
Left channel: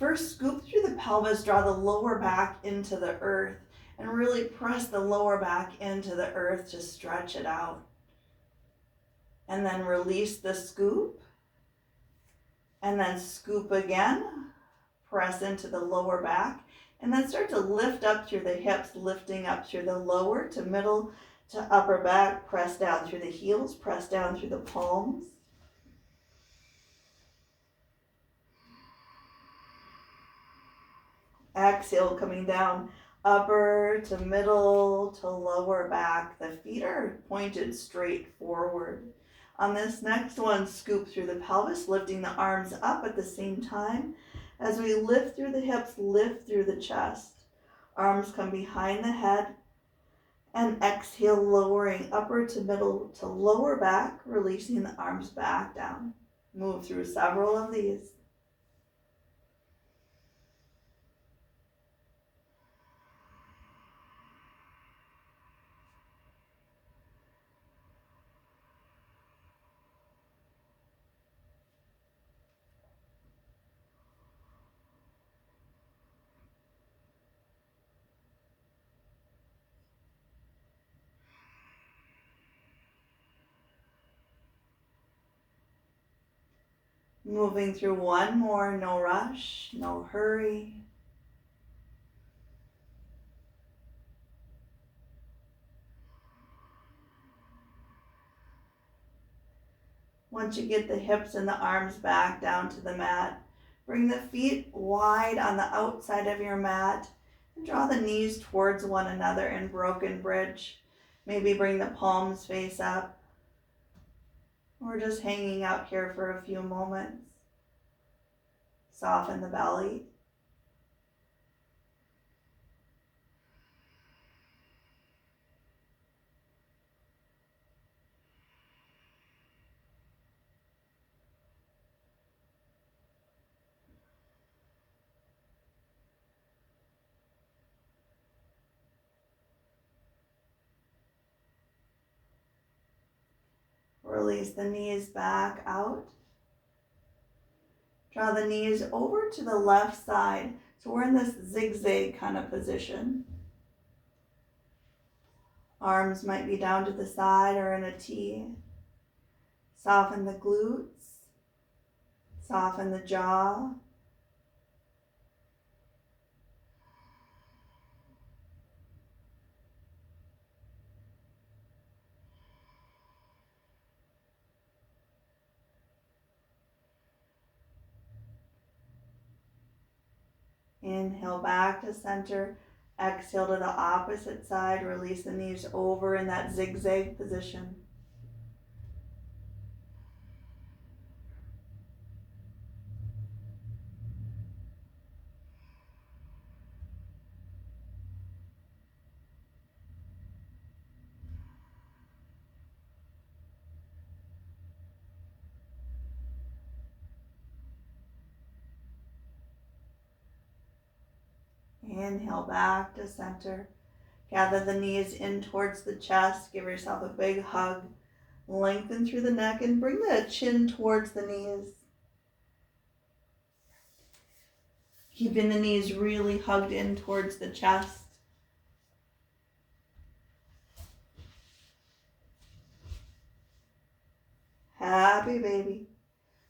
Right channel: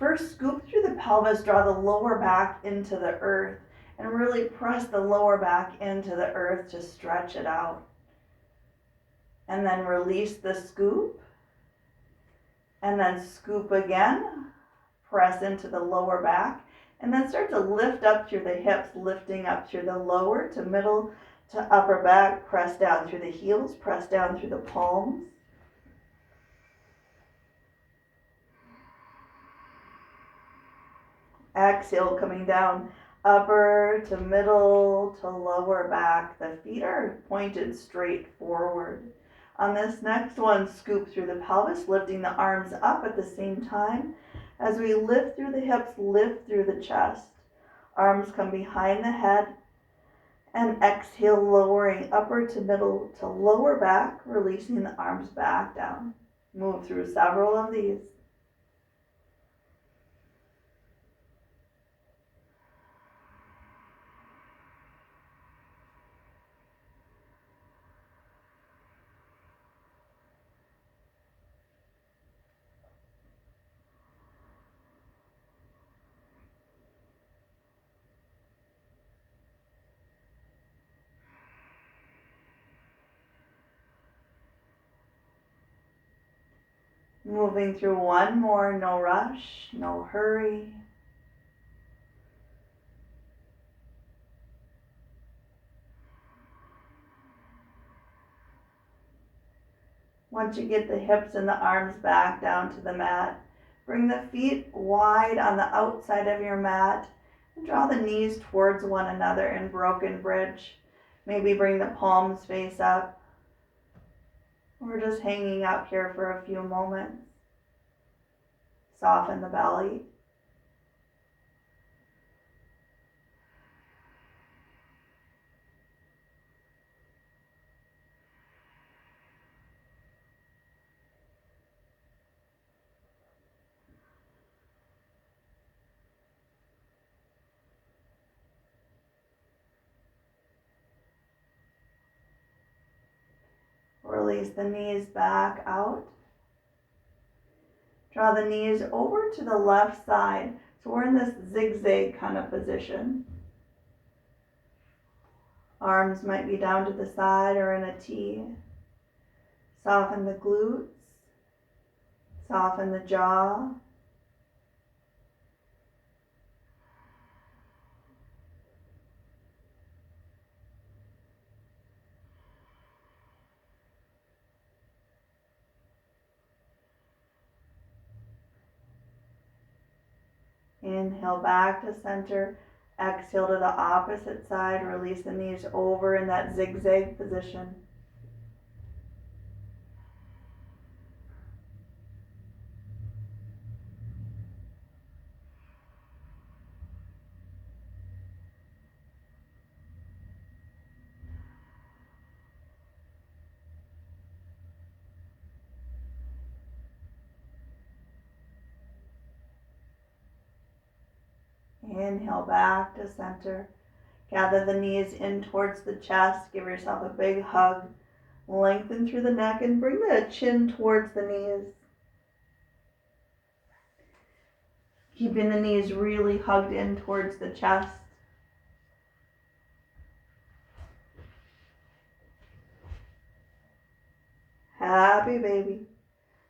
First, scoop through the pelvis, draw the lower back into the earth, and really press the lower back into the earth to stretch it out. And then release the scoop, and then scoop again, press into the lower back, and then start to lift up through the hips, lifting up through the lower to middle to upper back, press down through the heels, press down through the palms. Exhale, coming down, upper to middle to lower back. The feet are pointed straight forward. On this next one, scoop through the pelvis, lifting the arms up at the same time. As we lift through the hips, lift through the chest. Arms come behind the head. And exhale, lowering upper to middle to lower back, releasing the arms back down. Move through several of these. Moving through one more, no rush, no hurry. Once you get the hips and the arms back down to the mat, bring the feet wide on the outside of your mat and draw the knees towards one another in broken bridge. Maybe bring the palms face up. We're just hanging out here for a few moments. Soften the belly. Release the knees back out. Draw the knees over to the left side. So we're in this zigzag kind of position. Arms might be down to the side or in a T. Soften the glutes. Soften the jaw. Inhale back to center. Exhale to the opposite side. Release the knees over in that zigzag position. Inhale back to center. Gather the knees in towards the chest. Give yourself a big hug. Lengthen through the neck and bring the chin towards the knees. Keeping the knees really hugged in towards the chest. Happy baby.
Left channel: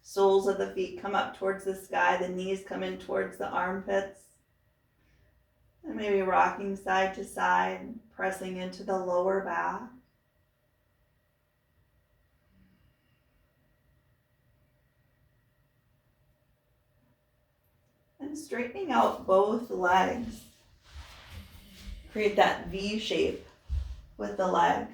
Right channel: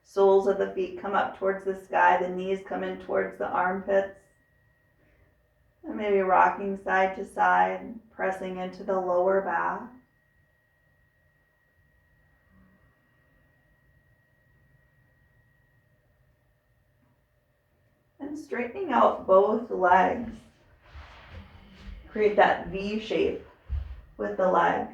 Soles of the feet come up towards the sky. The knees come in towards the armpits. And maybe rocking side to side, pressing into the lower back. And straightening out both legs. Create that V shape with the legs.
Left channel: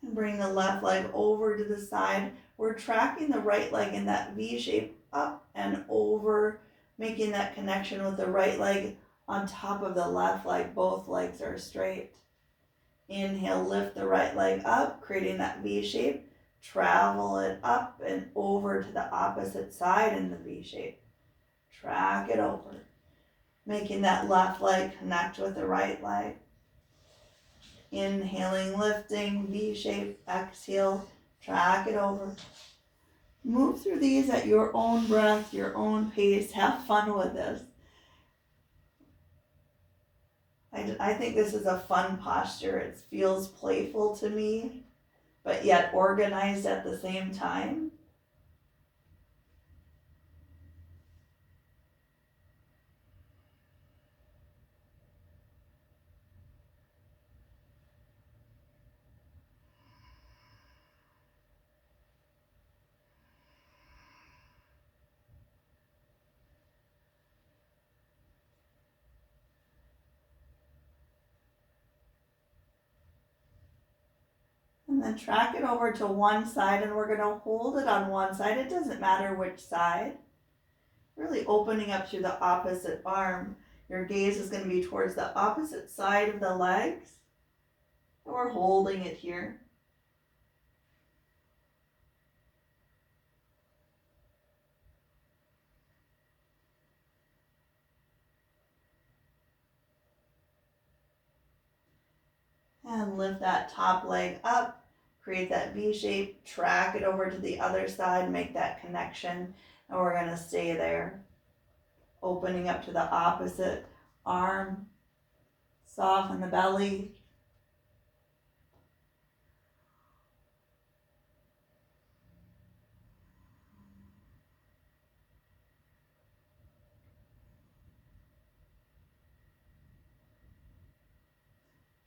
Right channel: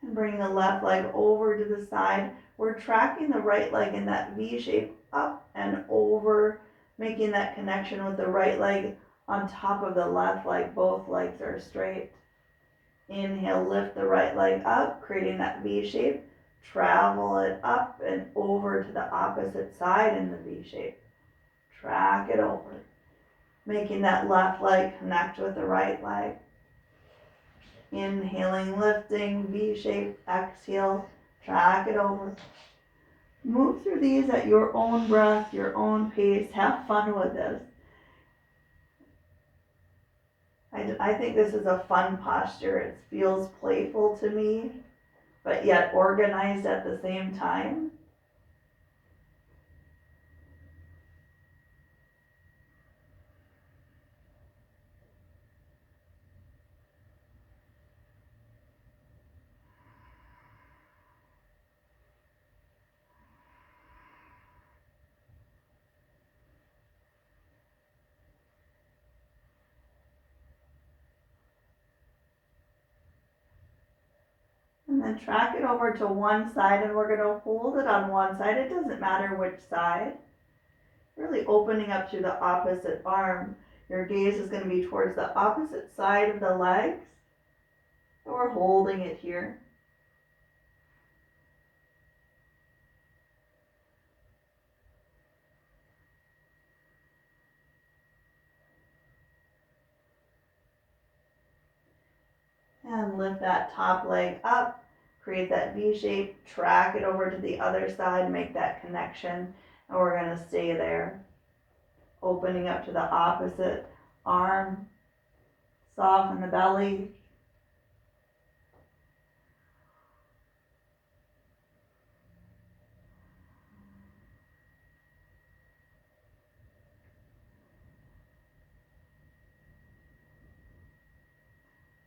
And bring the left leg over to the side. We're tracking the right leg in that V shape up and over making that connection with the right leg on top of the left leg. Both legs are straight. Inhale, lift the right leg up, creating that V shape. Travel it up and over to the opposite side in the V shape. Track it over, making that left leg connect with the right leg. Inhaling, lifting, V shape. Exhale, track it over. Move through these at your own breath, your own pace. Have fun with this. I think this is a fun posture. It feels playful to me, but yet organized at the same time. And then track it over to one side, and we're going to hold it on one side. It doesn't matter which side. Really opening up through the opposite arm. Your gaze is going to be towards the opposite side of the legs. We're holding it here. And lift that top leg up. Create that V shape. Track it over to the other side. Make that connection. And we're going to stay there. Opening up to the opposite arm. Soften the belly.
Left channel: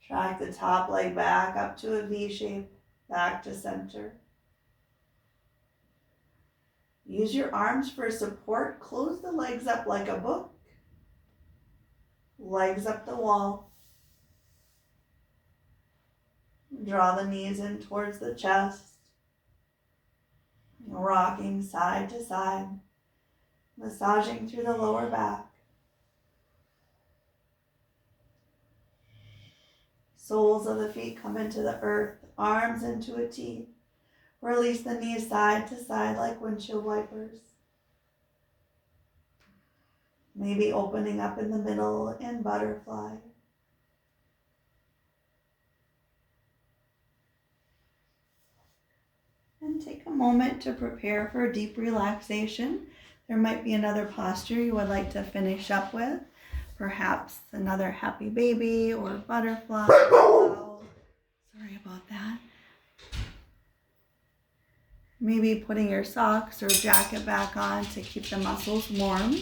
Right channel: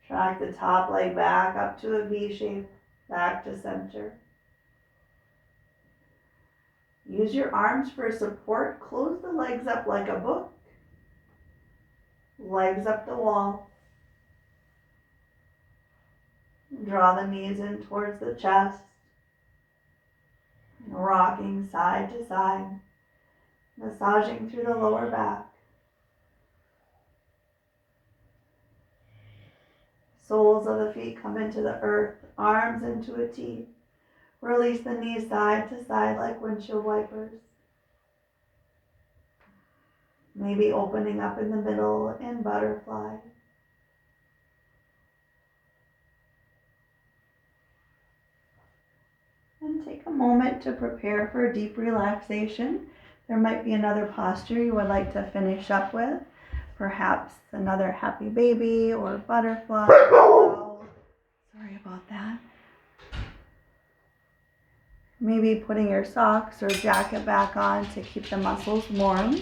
Track the top leg back up to a V shape, back to center. Use your arms for support. Close the legs up like a book. Legs up the wall. Draw the knees in towards the chest. Rocking side to side. Massaging through the lower back. Soles of the feet come into the earth. Arms into a T. Release the knees side to side like windshield wipers. Maybe opening up in the middle in butterfly. And take a moment to prepare for a deep relaxation. There might be another posture you would like to finish up with. Perhaps another happy baby or butterfly. Oh, sorry about that. Maybe putting your socks or jacket back on to keep the muscles warm.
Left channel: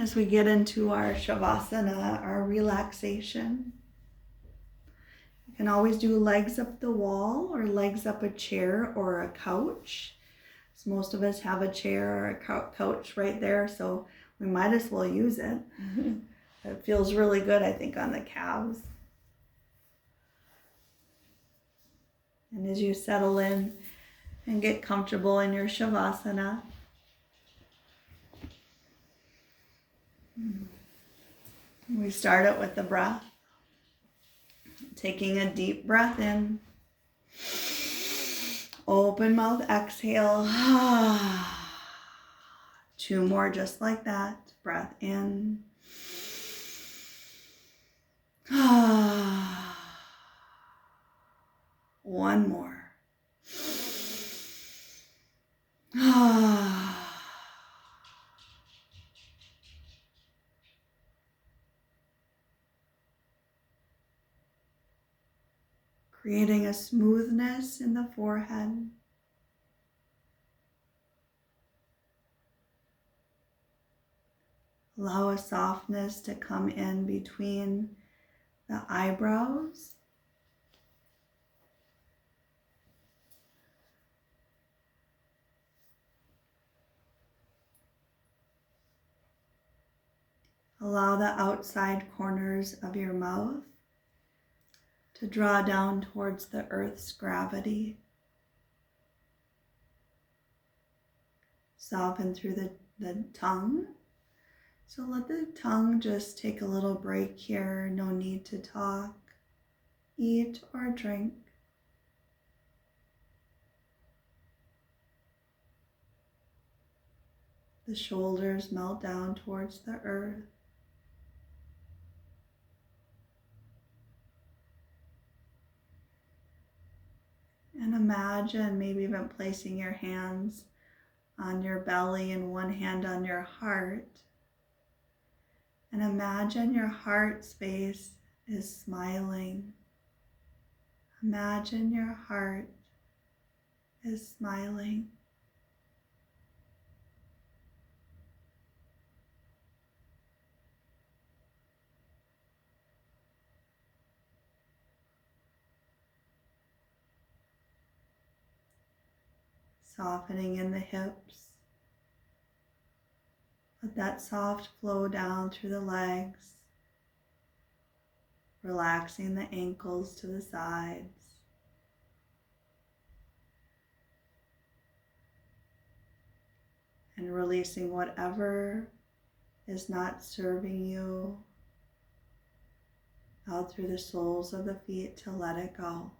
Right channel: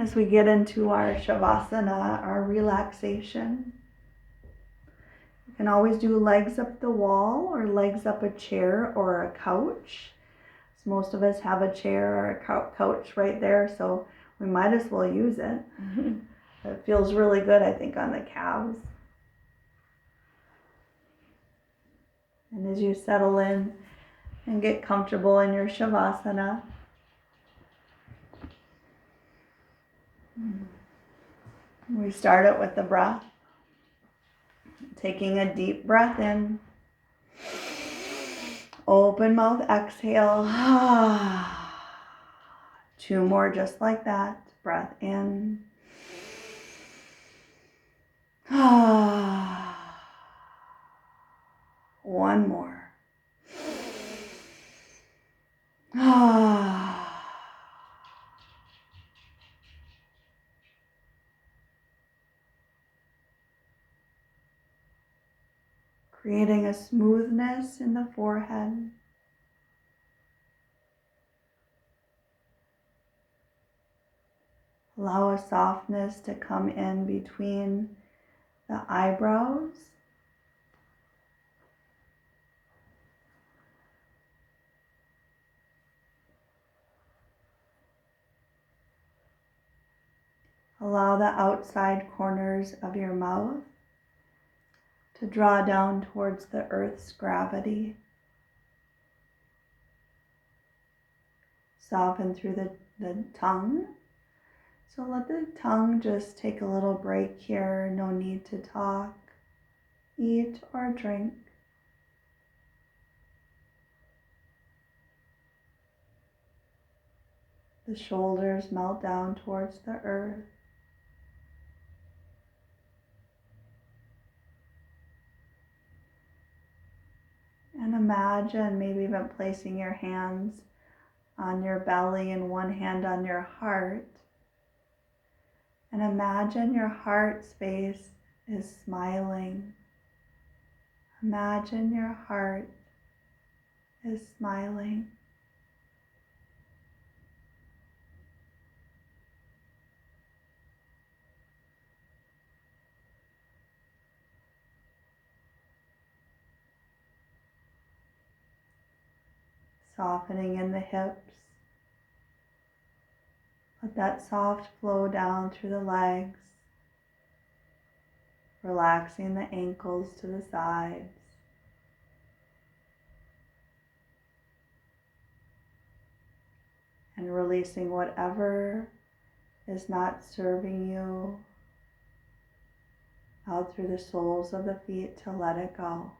As we get into our Shavasana, our relaxation, you can always do legs up the wall or legs up a chair or a couch. So most of us have a chair or a couch right there, so we might as well use it. It feels really good, I think, on the calves. And as you settle in and get comfortable in your Shavasana, we start it with the breath. Taking a deep breath in. Open mouth, exhale. 2 more just like that. Breath in. One more. Creating a smoothness in the forehead. Allow a softness to come in between the eyebrows. Allow the outside corners of your mouth to draw down towards the earth's gravity. Soften through the tongue. So let the tongue just take a little break here. No need to talk, eat, or drink. The shoulders melt down towards the earth. And imagine maybe even placing your hands on your belly and one hand on your heart. And imagine your heart space is smiling. Imagine your heart is smiling. Softening in the hips. Let that soft flow down through the legs. Relaxing the ankles to the sides. And releasing whatever is not serving you out through the soles of the feet to let it go.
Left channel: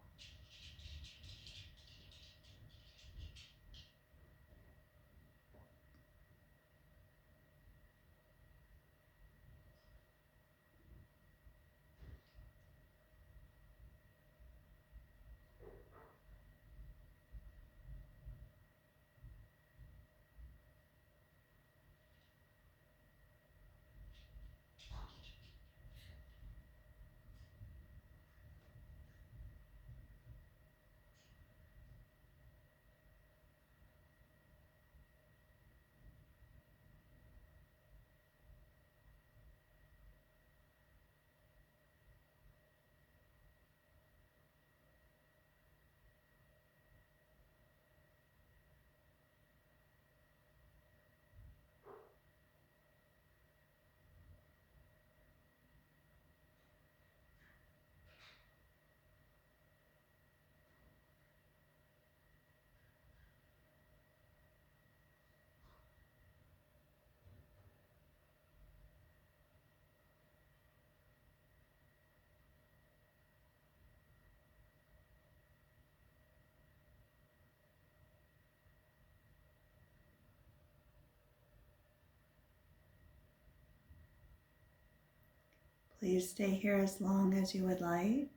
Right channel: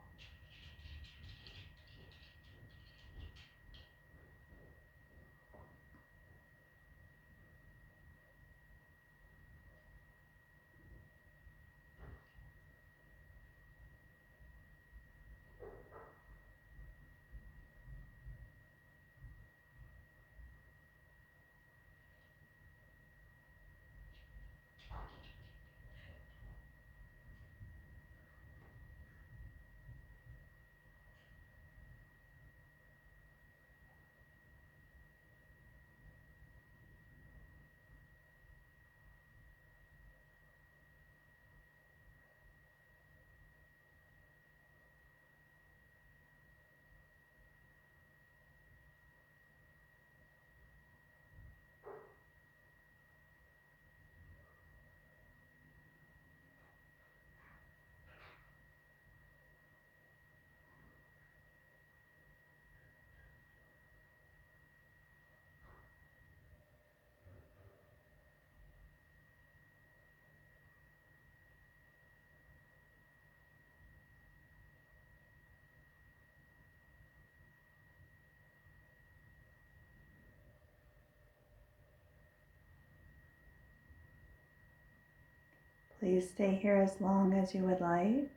Please stay here as long as you would like,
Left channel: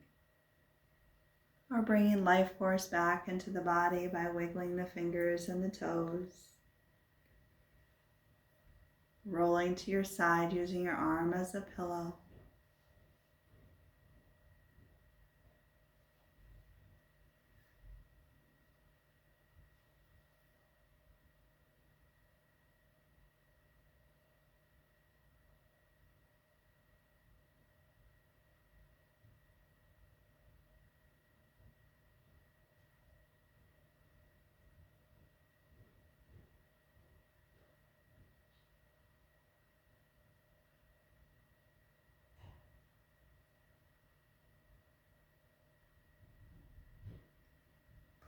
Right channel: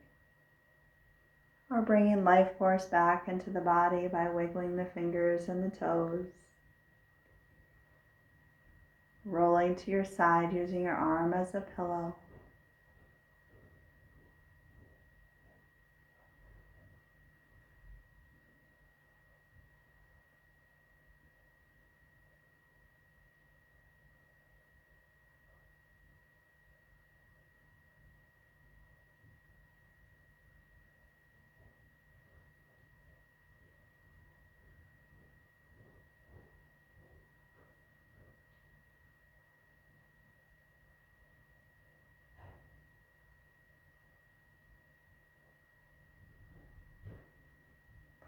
or bringing life force back into the body by wiggling the fingers and the toes. Rolling to your side using your arm as a pillow.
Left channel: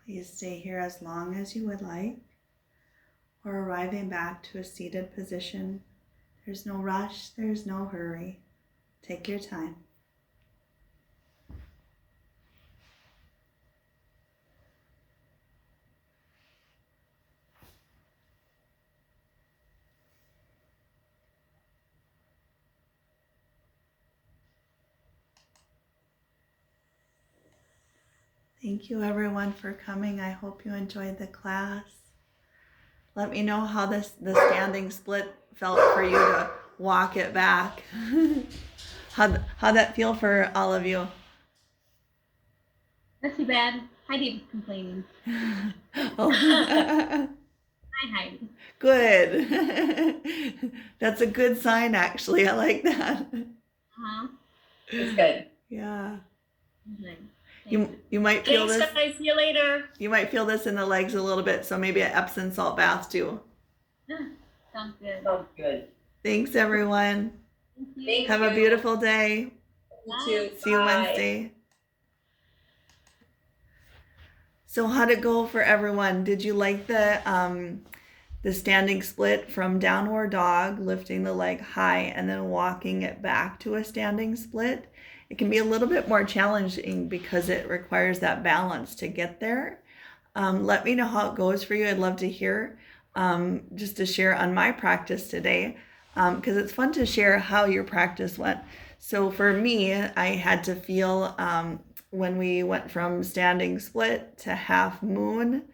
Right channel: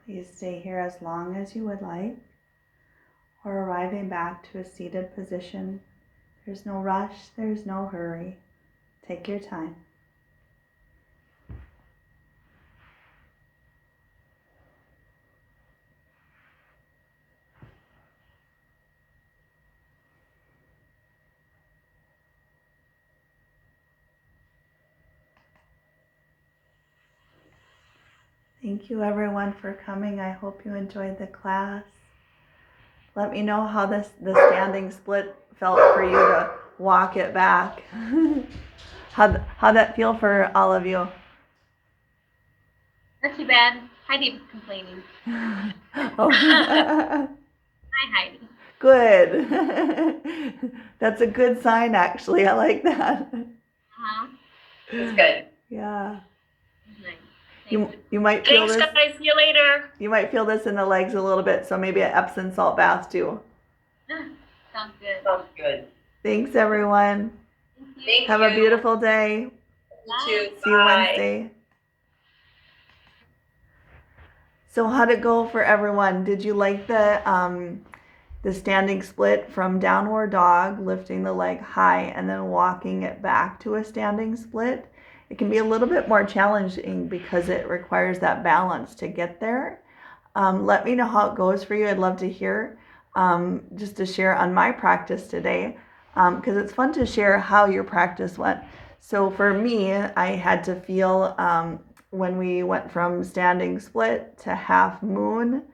Please stay here as long as you would like, or arriving back to a seated position. There's no rush, there's no hurry. Take your time. Thank you everyone for coming. I hope you enjoyed the class. Let me know how the standing split felt for you to walk it back. How'd that feel for all of you? Not too bad. Heidi was complaining. Oh. Hi, Heidi. Good. That's a good sign, actually. I like that. Uh-huh. It's good. Yeah. Nice. You might feel Thanks, this. guys. See you later. You might feel this in the legs a little bit, so maybe an Epsom salt bath too. Sounds good. Sounds good. Thanks, everyone. Thank you. Thank Have you. a beautiful day. You too. See you Bye. Wednesday. So how'd it go for everyone? Did you like the standing split from downward dog, lifting the leg high and then walking it back to a standing split? It can be a little bit more challenging because it requires that balance to get there. Let me know how it goes for you. I'd love to hear, just to share on my practice today, because it's fun to share how your practice went. So for me, I had to feel when we went from standing split to half moon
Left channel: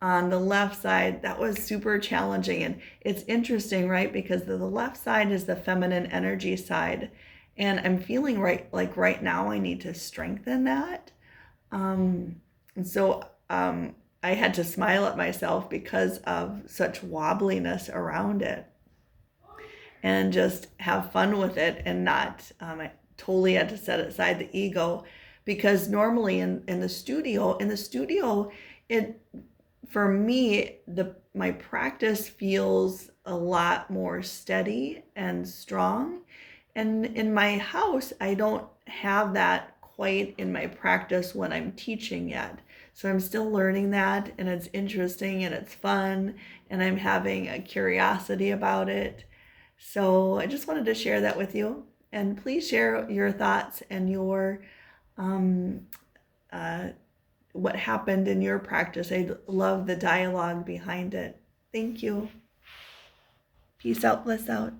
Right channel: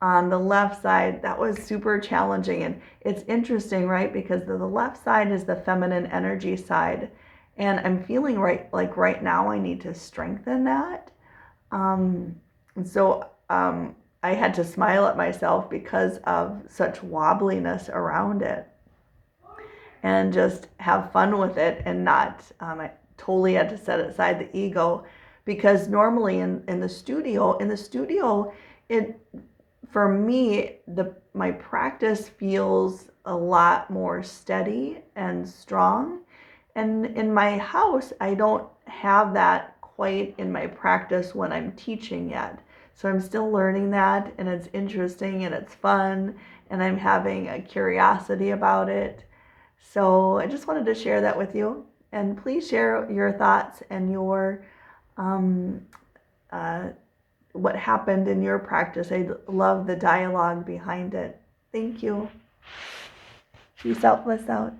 on the left side, that was super challenging. And it's interesting, right? Because the left side is the feminine energy side. And I'm feeling right now I need to strengthen that. And so I had to smile at myself because of such wobbliness around it, and just have fun with it, and not, I totally had to set aside the ego, because normally in the studio, it, for me, my practice feels a lot more steady and strong. And in my house, I don't have that quite in my practice when I'm teaching yet. So I'm still learning that, and it's interesting and it's fun, and I'm having a curiosity about it. So I just wanted to share that with you. And please share your thoughts and your what happened in your practice. I love the dialogue behind it. Thank you. Peace out, bliss out.